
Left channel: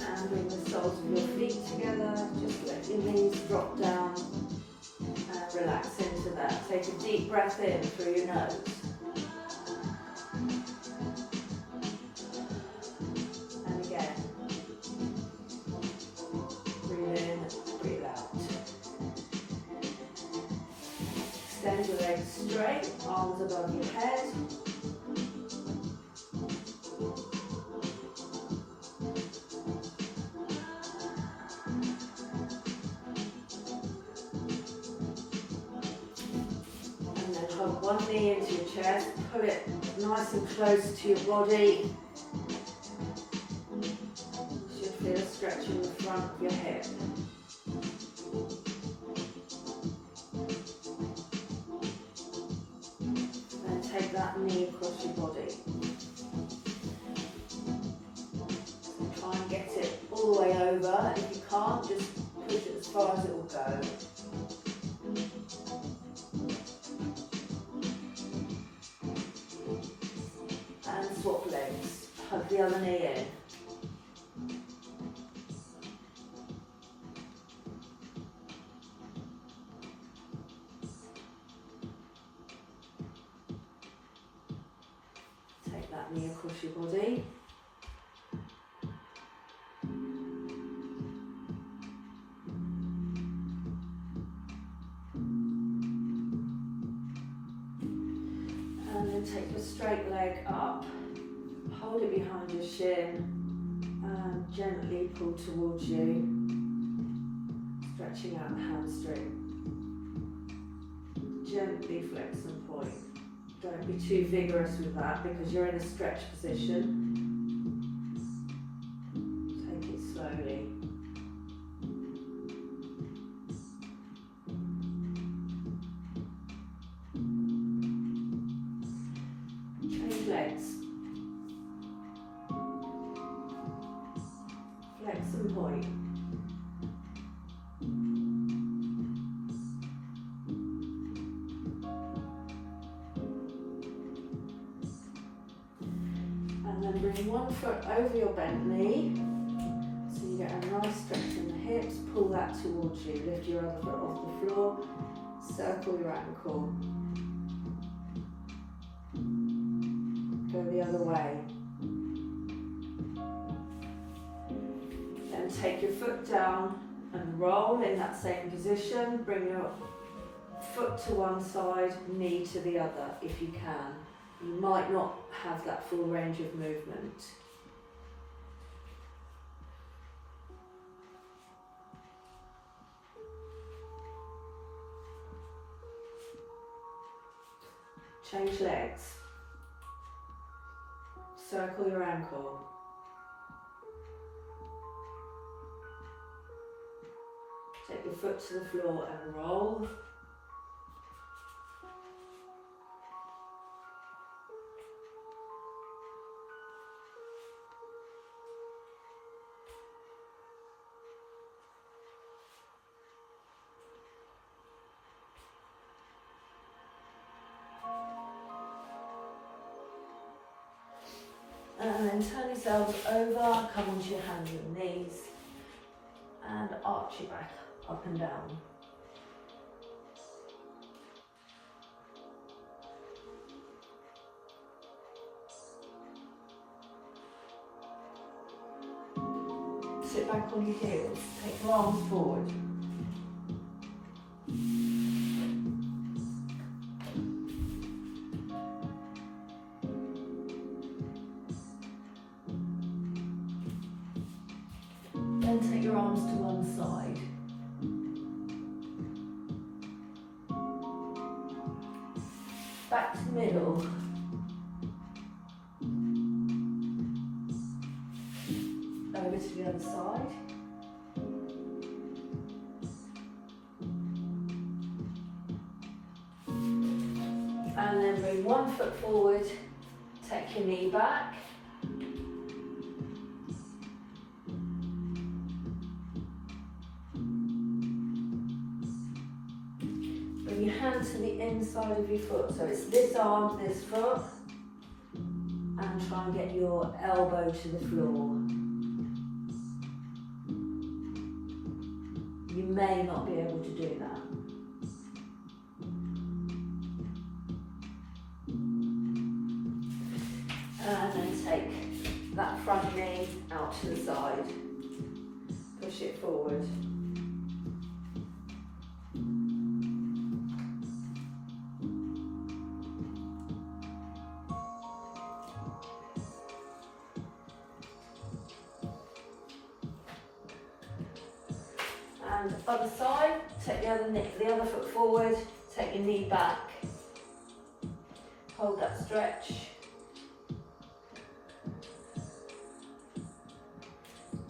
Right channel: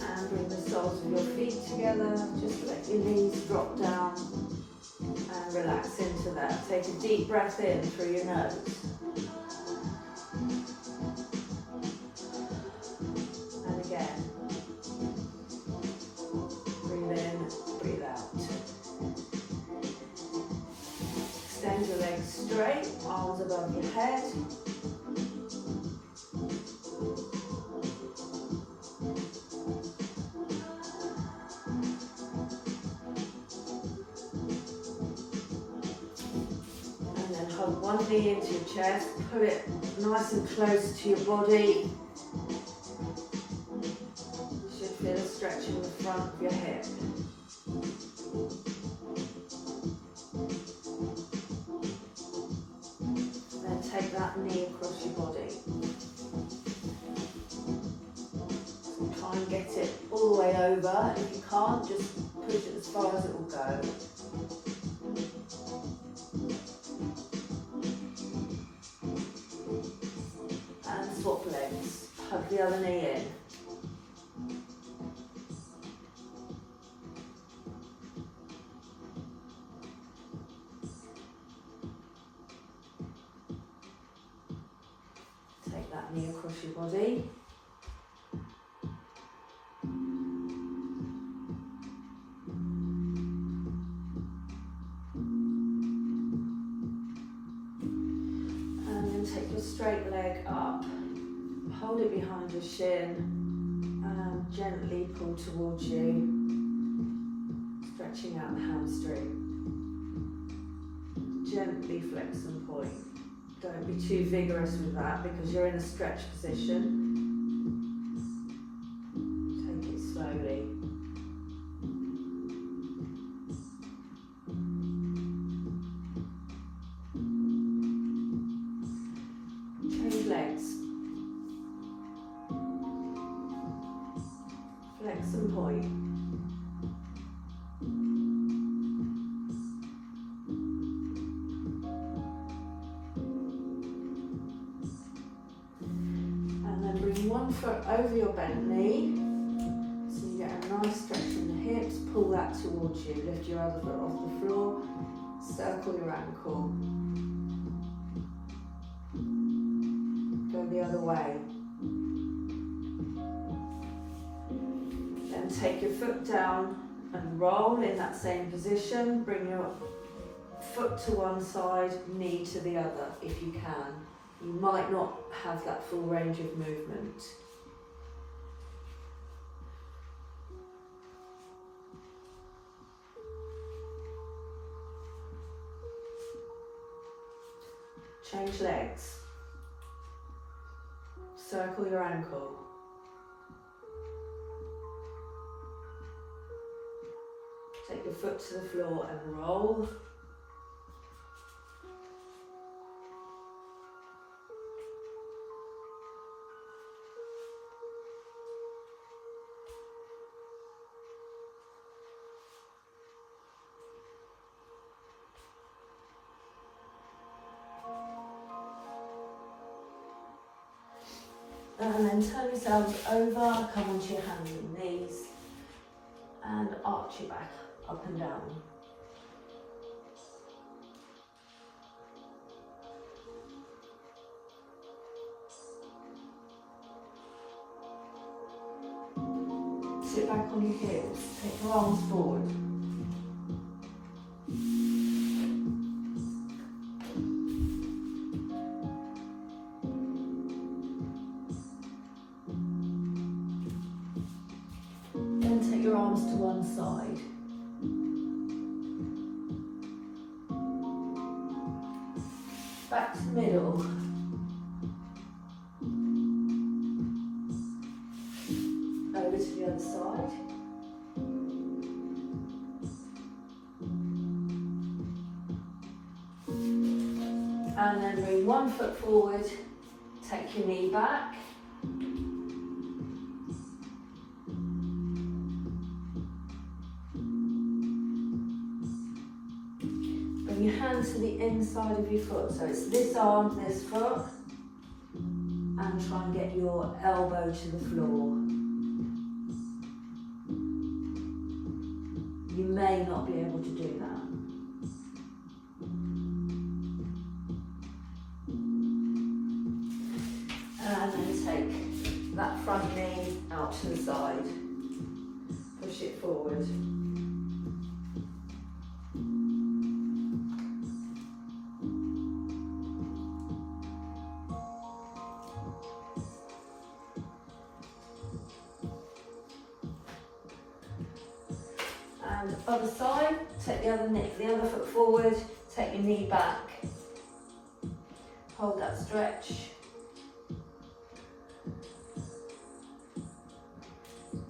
And bring the soles of your feet together. Just let your knees drop down and relax into that. Take a deep breath in through your nose. And again. Breathe in, breathe out. Extend your legs straight, arms above your head. And then hug one knee into your chest, pull it nice and close to your body. You should feel a stretch in the front of your hip. Then take that knee across your body. Try and get it all the way over. If you can't, just push it as far as it will go. And swap legs. Hug the other knee in. Take that knee across your body. And then take your straight leg up, hold it behind your shin and gently pull towards you, stretching out the hamstring. Gently flex and point. Don't be too vigorous with that because you're in a stretch position. Take it slowly. Change legs. Flex and point. And then bring one foot over your bent knee. So you get a nice stretch in the hips. Pull that towards you. Lift your other foot off the floor. Circle your ankle. Go the other way. Then take your foot down and roll in that same position. Bring your foot to one side, knee to the other if you can. You might not have that full range of movement. Change legs. Circle your ankle. Take your foot to the floor and roll. And then turn yourselves over, come onto your hands and knees, and arch your back up and down. sit back on your heels, take your arms forward. Then take your arms to one side. Back to the middle. Over to the other side. And then bring one foot forward, take your knee back. Bring your hand to the inside of your foot. So it's this arm, this foot. And try and get your elbow to the floor. You may not be able to do that. And then take that front knee out to the side. Push it forward. And other side, take the other foot forward, take your knee back. Hold that stretch.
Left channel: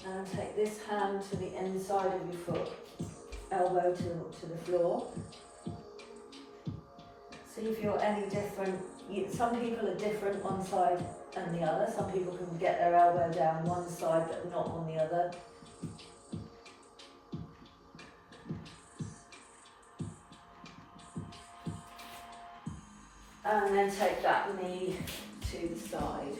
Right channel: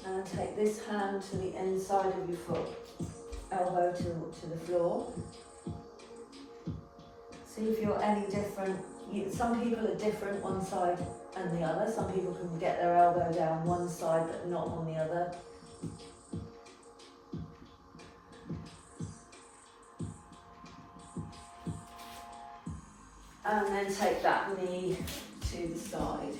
And take this hand to the inside of your foot, elbow to the floor. See if you're any different. Some people are different one side and the other. Some people can get their elbow down one side but not on the other. And then take that knee to the side.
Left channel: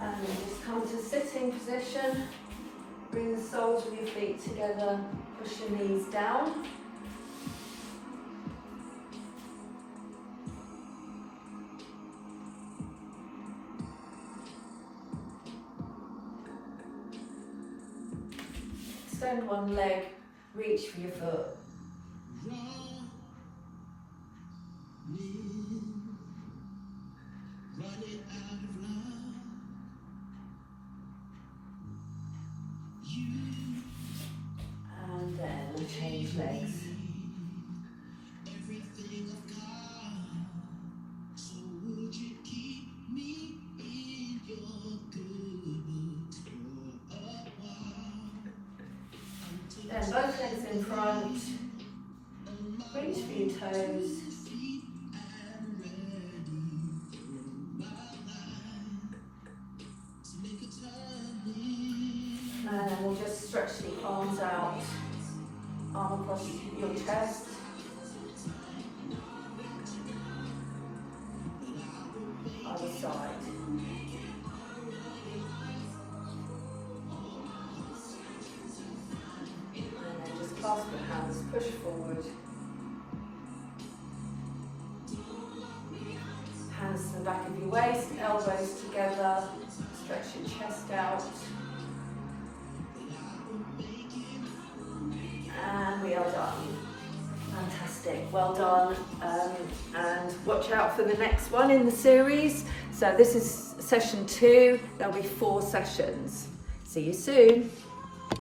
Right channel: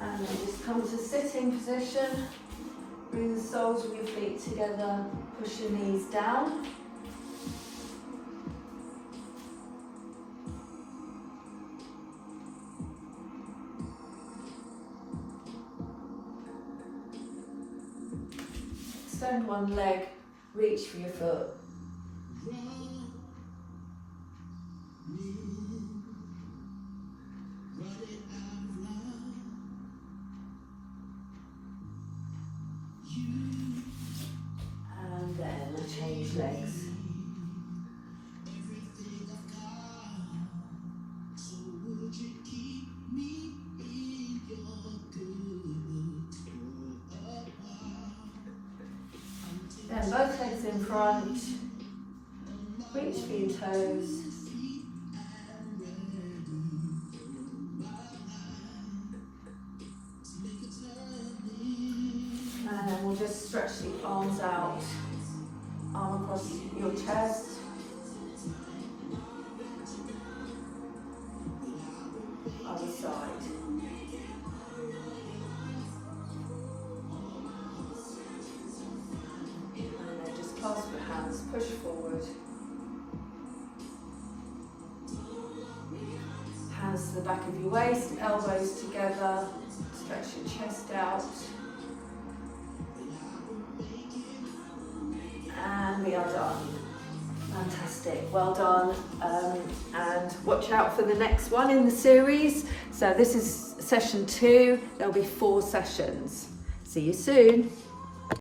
And then just come to sitting position. Bring the soles of your feet together. Push your knees down. Extend one leg, reach for your foot. And then change legs. Then both legs in front, reach for your toes. And then we'll just stretch the arms out, arm across your chest. Other side. Clasp your hands, push forward. Hands to the back of your waist, elbows together, stretch your chest out. And we are done. Fantastic, well done. And watch out for the next one in the series. So this is session 2, there'll be 4 sessions. See you soon.